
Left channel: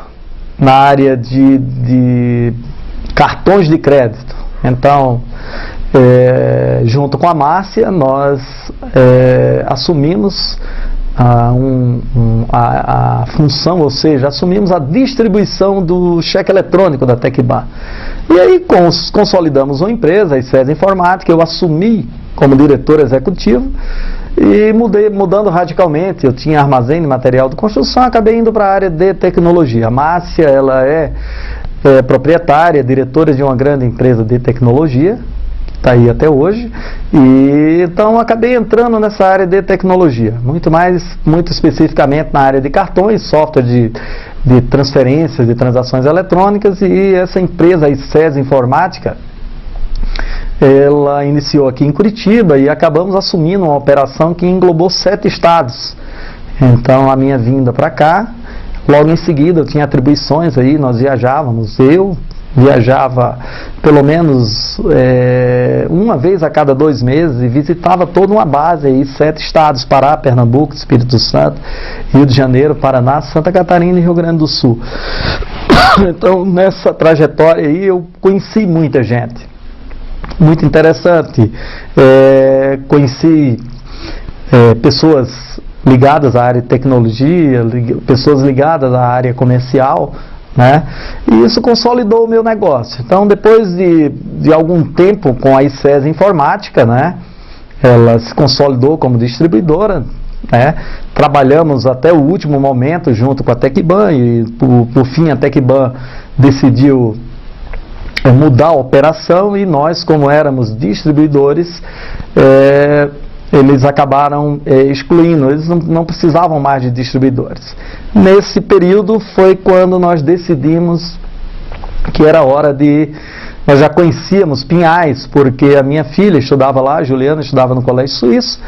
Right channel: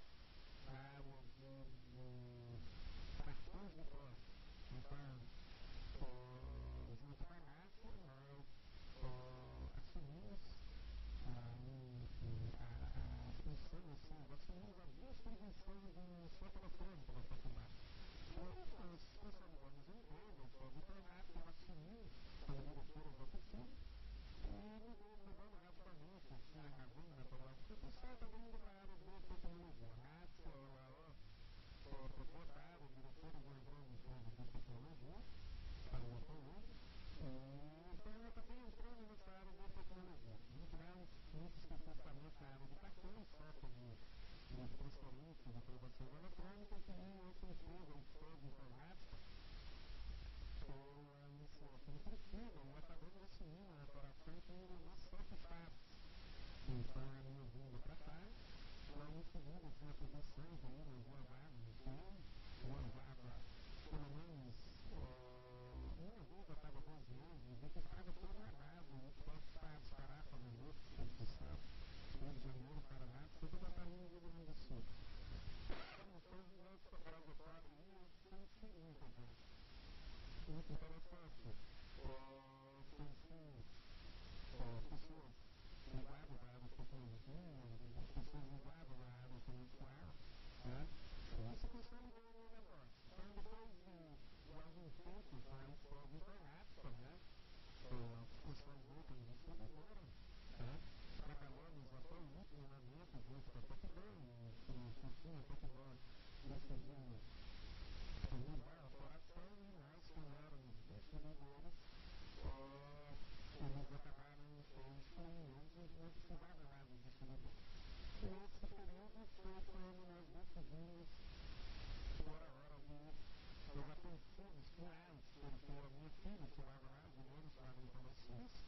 na área de cartões de crédito. Então, junto com a Márcia, nós assumimos a função, ou seja, assumimos a distribuição do cheque eletrônico da Tecban. E aí consolidamos uma empresa, a ICES Informática, eu assumi como diretor executivo e mudando radicalmente. Eu tinha armazém de material de construção, acabei indo para a área de tecnologia. A Márcia, ela é proprietária, diretora de uma grande empresa de tecnologia, que está aí até hoje, e então acabei entrando nessa área de tecnologia, muito especificamente na área de cartões, software de transferências, de transações eletrônicas, e essa empresa, a ICES Informática, ela iniciou aqui em Curitiba e acabamos assumindo uma operação que englobou 7 estados. Então a minha vinda para cá, logo em seguida eu tinha atribuições aí, nós viajávamos, eu viajava pelo menos uma vez a cada 2 meses e visitava toda uma base aí, 7 estados: Pará, Pernambuco, Espírito Santo, Rio de Janeiro, Paraná, Santa Catarina e Rio Grande do Sul. Então nessa trajetória aí eu conheci muita gente, muito interessante, conheci pessoas ligadas à área de tecnologia, pessoas ligadas à área comercial, né? E isso consolidou o meu negócio. Então, depois de algum tempo com a ICES Informática, né, ela se consolidou como distribuidora, né? Trabalhamos até o último momento junto com a Tecban e, por fim, a Tecban decidiu mudar a operação e nós, como éramos distribuidores, eles acabaram excluindo, eles não precisavam mais de distribuidores. Nesse período foi quando nós decidimos que era hora nós já conhecíamos Pinhais, porque a minha filha estudava lá, a Juliana estudava no Colégio Suíço,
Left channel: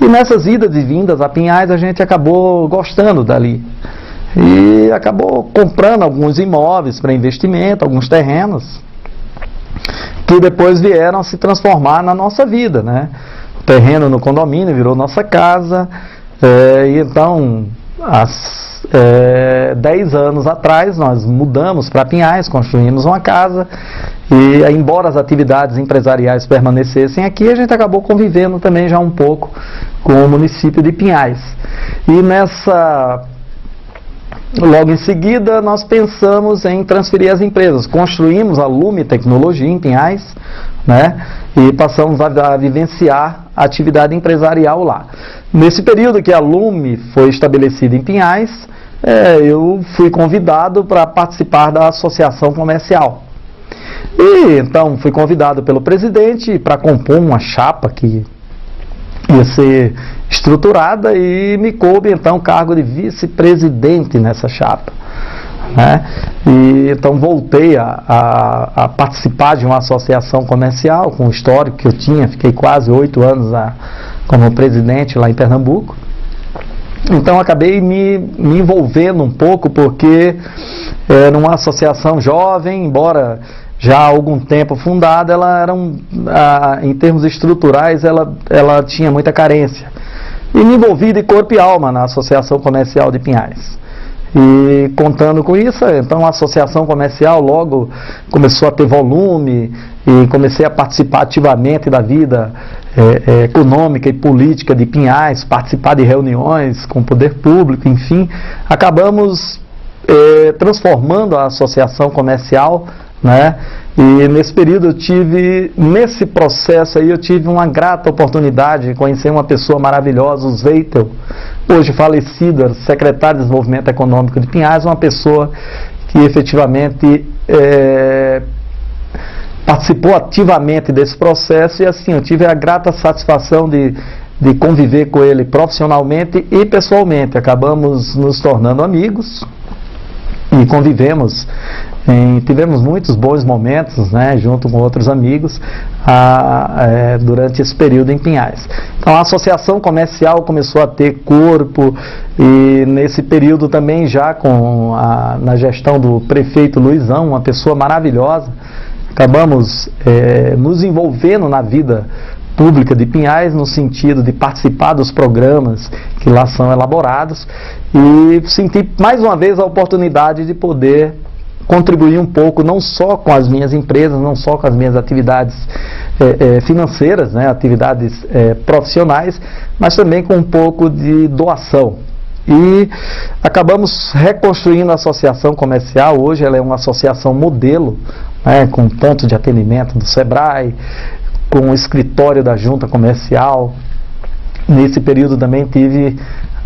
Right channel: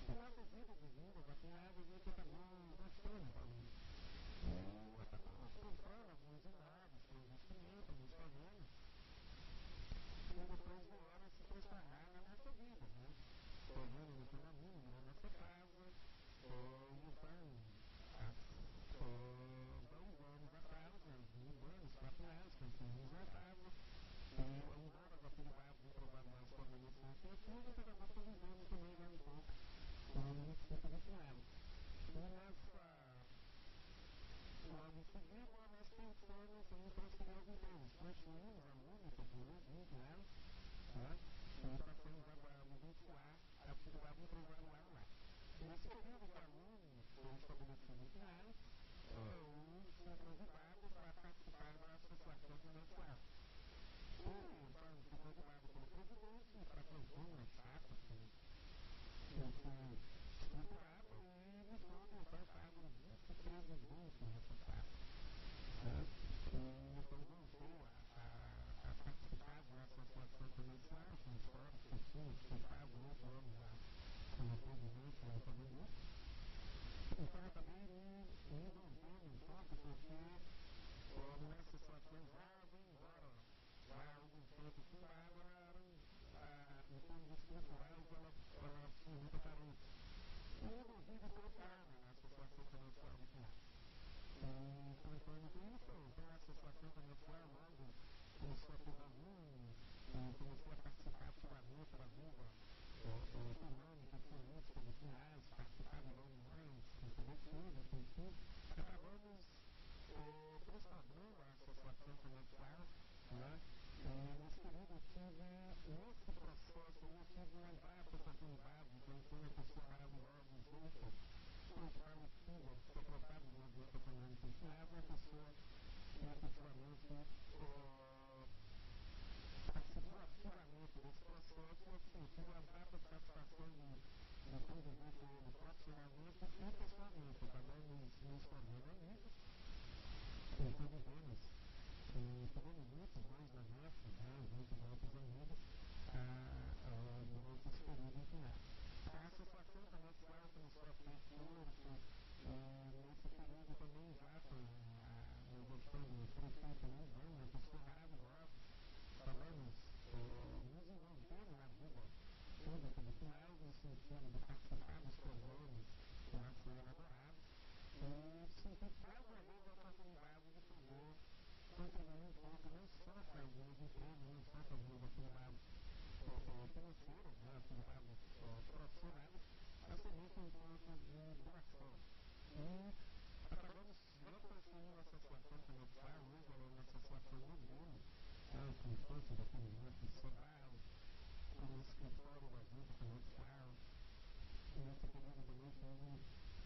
e nessas idas e vindas a Pinhais a gente acabou gostando dali. E acabou comprando alguns imóveis para investimento, alguns terrenos, que depois vieram a se transformar na nossa vida, né? O terreno no condomínio virou nossa casa, e então, 10 anos atrás, nós mudamos para Pinhais, construímos uma casa, e embora as atividades empresariais permanecessem aqui, a gente acabou convivendo também já um pouco com o município de Pinhais. E logo em seguida, nós pensamos em transferir as empresas. Construímos a Lume Tecnologia em Pinhais, né? E passamos a vivenciar a atividade empresarial lá. Nesse período que a Lume foi estabelecida em Pinhais, eu fui convidado para participar da associação comercial. E então fui convidado pelo presidente para compor uma chapa que ia ser estruturada e me coube então o cargo de vice-presidente nessa chapa, né? E então voltei a participar de uma associação comercial com o histórico que eu tinha, fiquei quase 8 anos como presidente lá em Pernambuco. Então acabei me envolvendo um pouco, porque era uma associação jovem, embora já há algum tempo fundada, ela era em termos estruturais, ela tinha muita carência. E me envolvi de corpo e alma na Associação Comercial de Pinhais. E contando com isso, então a Associação Comercial logo começou a ter volume e comecei a participar ativamente da vida econômica e política de Pinhais, participar de reuniões com o poder público, enfim. Acabamos transformando a Associação Comercial, né, E nesse período nesse processo aí eu tive uma grata oportunidade de conhecer uma pessoa maravilhosa, o Zeitel, hoje falecido, secretário de Desenvolvimento Econômico de Pinhais, uma pessoa que efetivamente participou ativamente desse processo, e assim, eu tive a grata satisfação de conviver com ele profissionalmente e pessoalmente. Acabamos nos tornando amigos e convivemos, tivemos muitos bons momentos, né, junto com outros amigos durante esse período em Pinhais. Então a associação comercial começou a ter corpo, e nesse período também já na gestão do prefeito Luizão, uma pessoa maravilhosa, acabamos nos envolvendo na vida pública de Pinhais, no sentido de participar dos programas que lá são elaborados, e senti mais uma vez a oportunidade de poder contribuir um pouco, não só com as minhas empresas, não só com as minhas atividades financeiras, né, atividades profissionais, mas também com um pouco de doação. E acabamos reconstruindo a associação comercial. Hoje ela é uma associação modelo, né, com ponto de atendimento do Sebrae, com o escritório da Junta Comercial. Nesse período também tive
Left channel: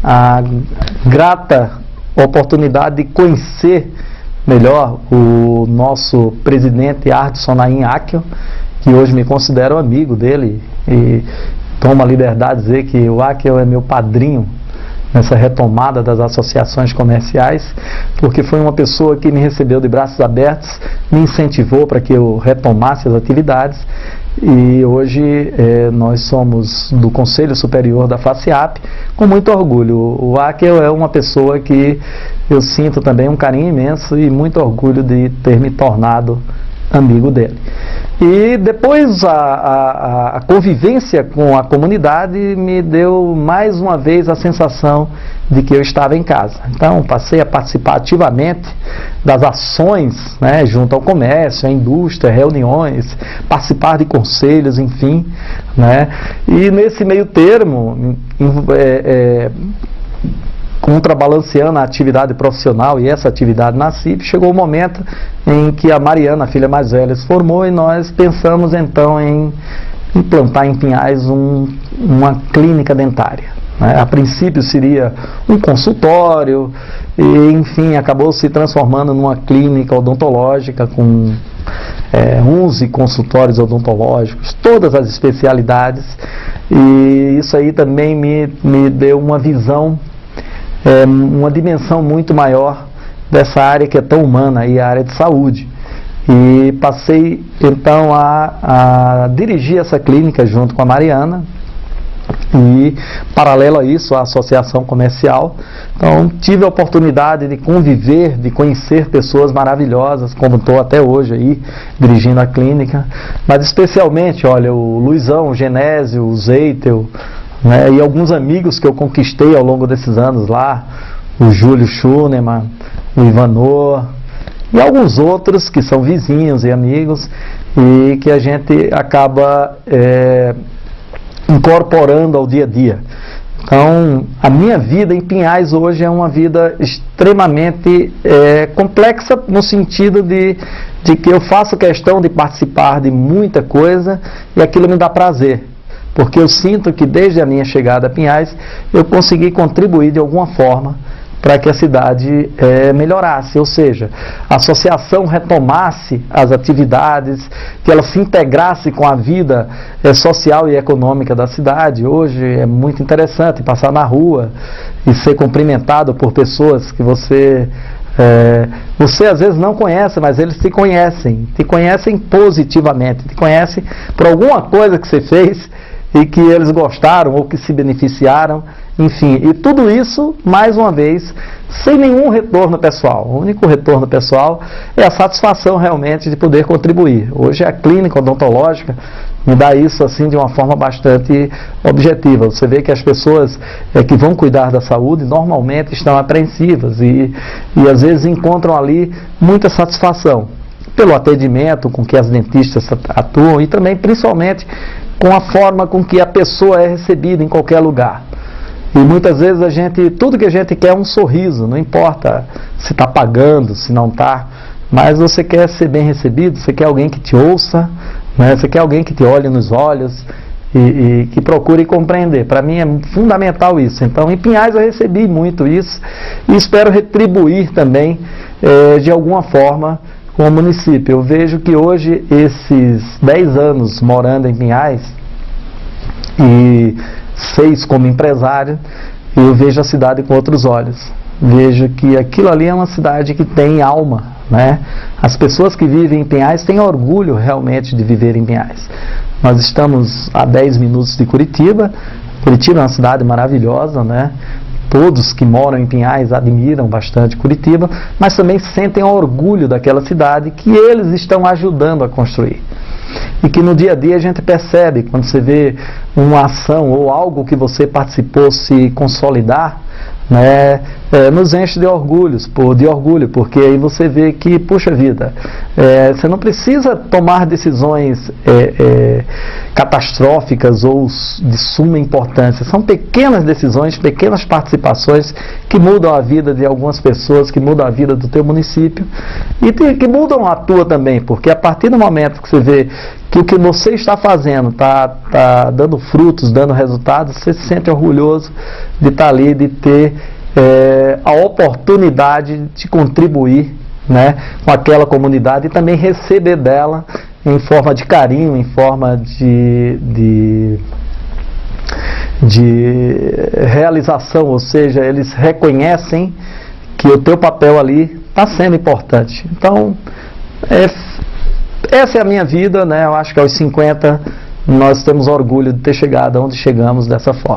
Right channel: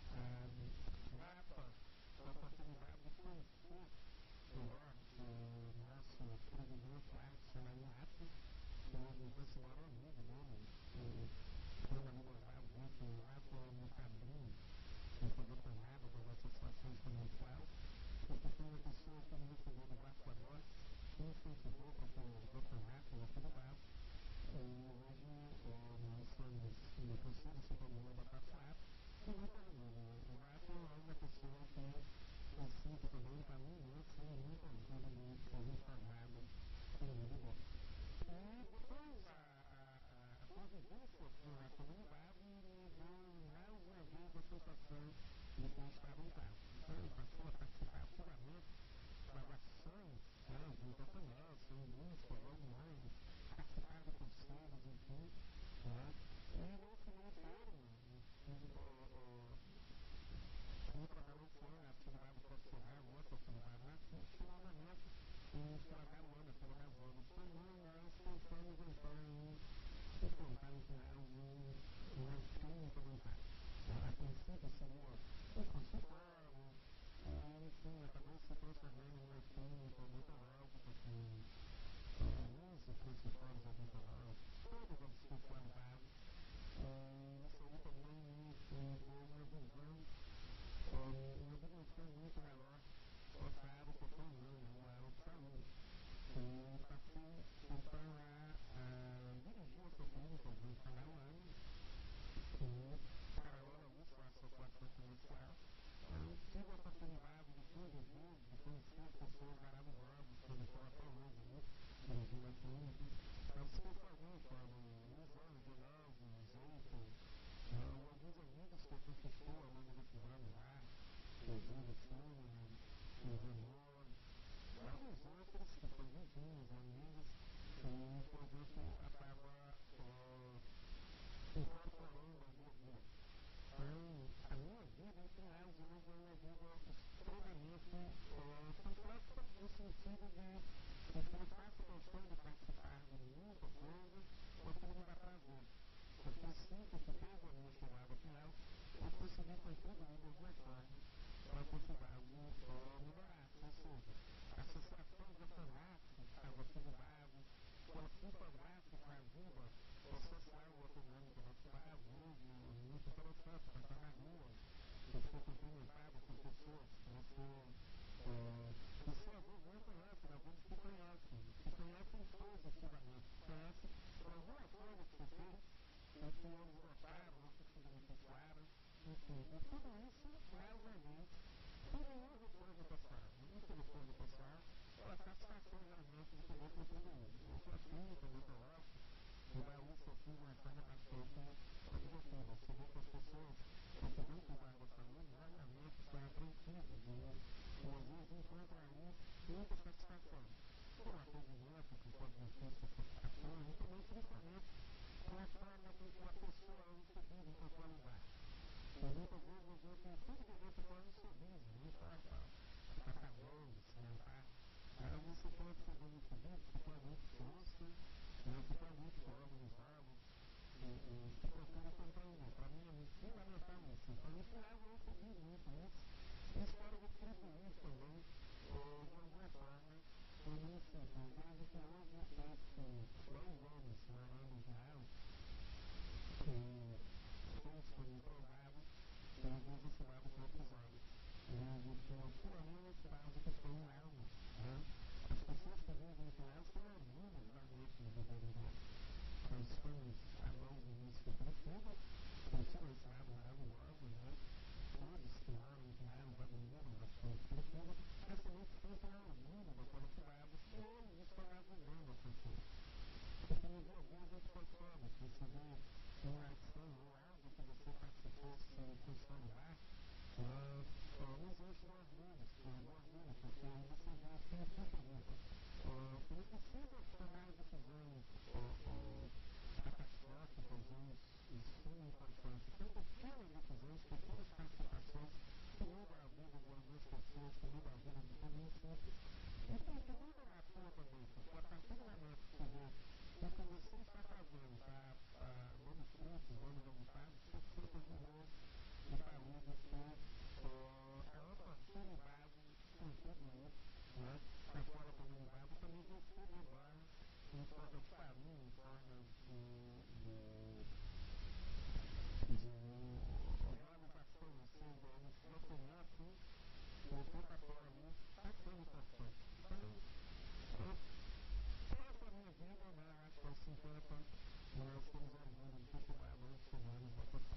a grata oportunidade de conhecer melhor o nosso presidente Ardson Naim Akio, que hoje me considero amigo dele, e tomo a liberdade de dizer que o Akio é meu padrinho nessa retomada das associações comerciais, porque foi uma pessoa que me recebeu de braços abertos, me incentivou para que eu retomasse as atividades, e hoje nós somos do Conselho Superior da FACIAP, com muito orgulho. O Akio é uma pessoa que eu sinto também um carinho imenso e muito orgulho de ter me tornado amigo dele. E depois a convivência com a comunidade me deu mais uma vez a sensação de que eu estava em casa. Então passei a participar ativamente das ações, né, junto ao comércio, à indústria, reuniões, participar de conselhos, enfim, né, e nesse meio termo, contrabalanceando a atividade profissional e essa atividade na CIP, chegou o momento em que a Mariana, a filha mais velha, se formou, e nós pensamos então em implantar em Pinhais uma clínica dentária, né? A princípio seria um consultório, e enfim, acabou se transformando numa clínica odontológica com 11 consultórios odontológicos, todas as especialidades, e isso aí também me deu uma visão, uma dimensão muito maior dessa área que é tão humana, aí, a área de saúde. E passei então a dirigir essa clínica junto com a Mariana, e paralelo a isso a associação comercial. Então tive a oportunidade de conviver, de conhecer pessoas maravilhosas, como estou até hoje aí dirigindo a clínica, mas especialmente, olha, o Luizão, o Genésio, o Zeitel, né, e alguns amigos que eu conquistei ao longo desses anos lá, o Júlio Schunemann, o Ivanor, e alguns outros que são vizinhos e amigos, e que a gente acaba incorporando ao dia a dia. Então, a minha vida em Pinhais hoje é uma vida extremamente complexa, no sentido de que eu faço questão de participar de muita coisa, e aquilo me dá prazer, porque eu sinto que desde a minha chegada a Pinhais eu consegui contribuir de alguma forma para que a cidade melhorasse, ou seja, a associação retomasse as atividades, que ela se integrasse com a vida social e econômica da cidade. Hoje é muito interessante passar na rua e ser cumprimentado por pessoas que você às vezes não conhece, mas eles te conhecem positivamente, te conhecem por alguma coisa que você fez e que eles gostaram ou que se beneficiaram, enfim, e tudo isso, mais uma vez, sem nenhum retorno pessoal. O único retorno pessoal é a satisfação realmente de poder contribuir. Hoje a clínica odontológica me dá isso assim de uma forma bastante objetiva. Você vê que as pessoas que vão cuidar da saúde normalmente estão apreensivas e às vezes encontram ali muita satisfação pelo atendimento com que as dentistas atuam, e também principalmente com a forma com que a pessoa é recebida em qualquer lugar. E muitas vezes tudo que a gente quer é um sorriso, não importa se está pagando, se não está. mas você quer ser bem recebido, você quer alguém que te ouça, né? Você quer alguém que te olhe nos olhos e que procure compreender. Para mim é fundamental isso. Então, em Pinhais eu recebi muito isso e espero retribuir também de alguma forma com o município. Eu vejo que hoje, esses 10 anos morando em Pinhais e 6 como empresário, eu vejo a cidade com outros olhos. Vejo que aquilo ali é uma cidade que tem alma, né? As pessoas que vivem em Pinhais têm orgulho realmente de viver em Pinhais. Nós estamos a 10 minutos de Curitiba. Curitiba é uma cidade maravilhosa, né? Todos que moram em Pinhais admiram bastante Curitiba, mas também sentem orgulho daquela cidade que eles estão ajudando a construir. E que no dia a dia a gente percebe, quando você vê uma ação ou algo que você participou se consolidar, né, nos enche de orgulho, porque aí você vê que, puxa vida, você não precisa tomar decisões catastróficas ou de suma importância. São pequenas decisões, pequenas participações que mudam a vida de algumas pessoas, que mudam a vida do teu município e que mudam a tua também, porque a partir do momento que você vê que o que você está fazendo está dando frutos, dando resultados, você se sente orgulhoso de estar ali, de ter a oportunidade de contribuir, né, com aquela comunidade e também receber dela em forma de carinho, em forma de realização, ou seja, eles reconhecem que o teu papel ali está sendo importante. Então, essa é a minha vida, né? Eu acho que aos 50 nós temos orgulho de ter chegado onde chegamos dessa forma.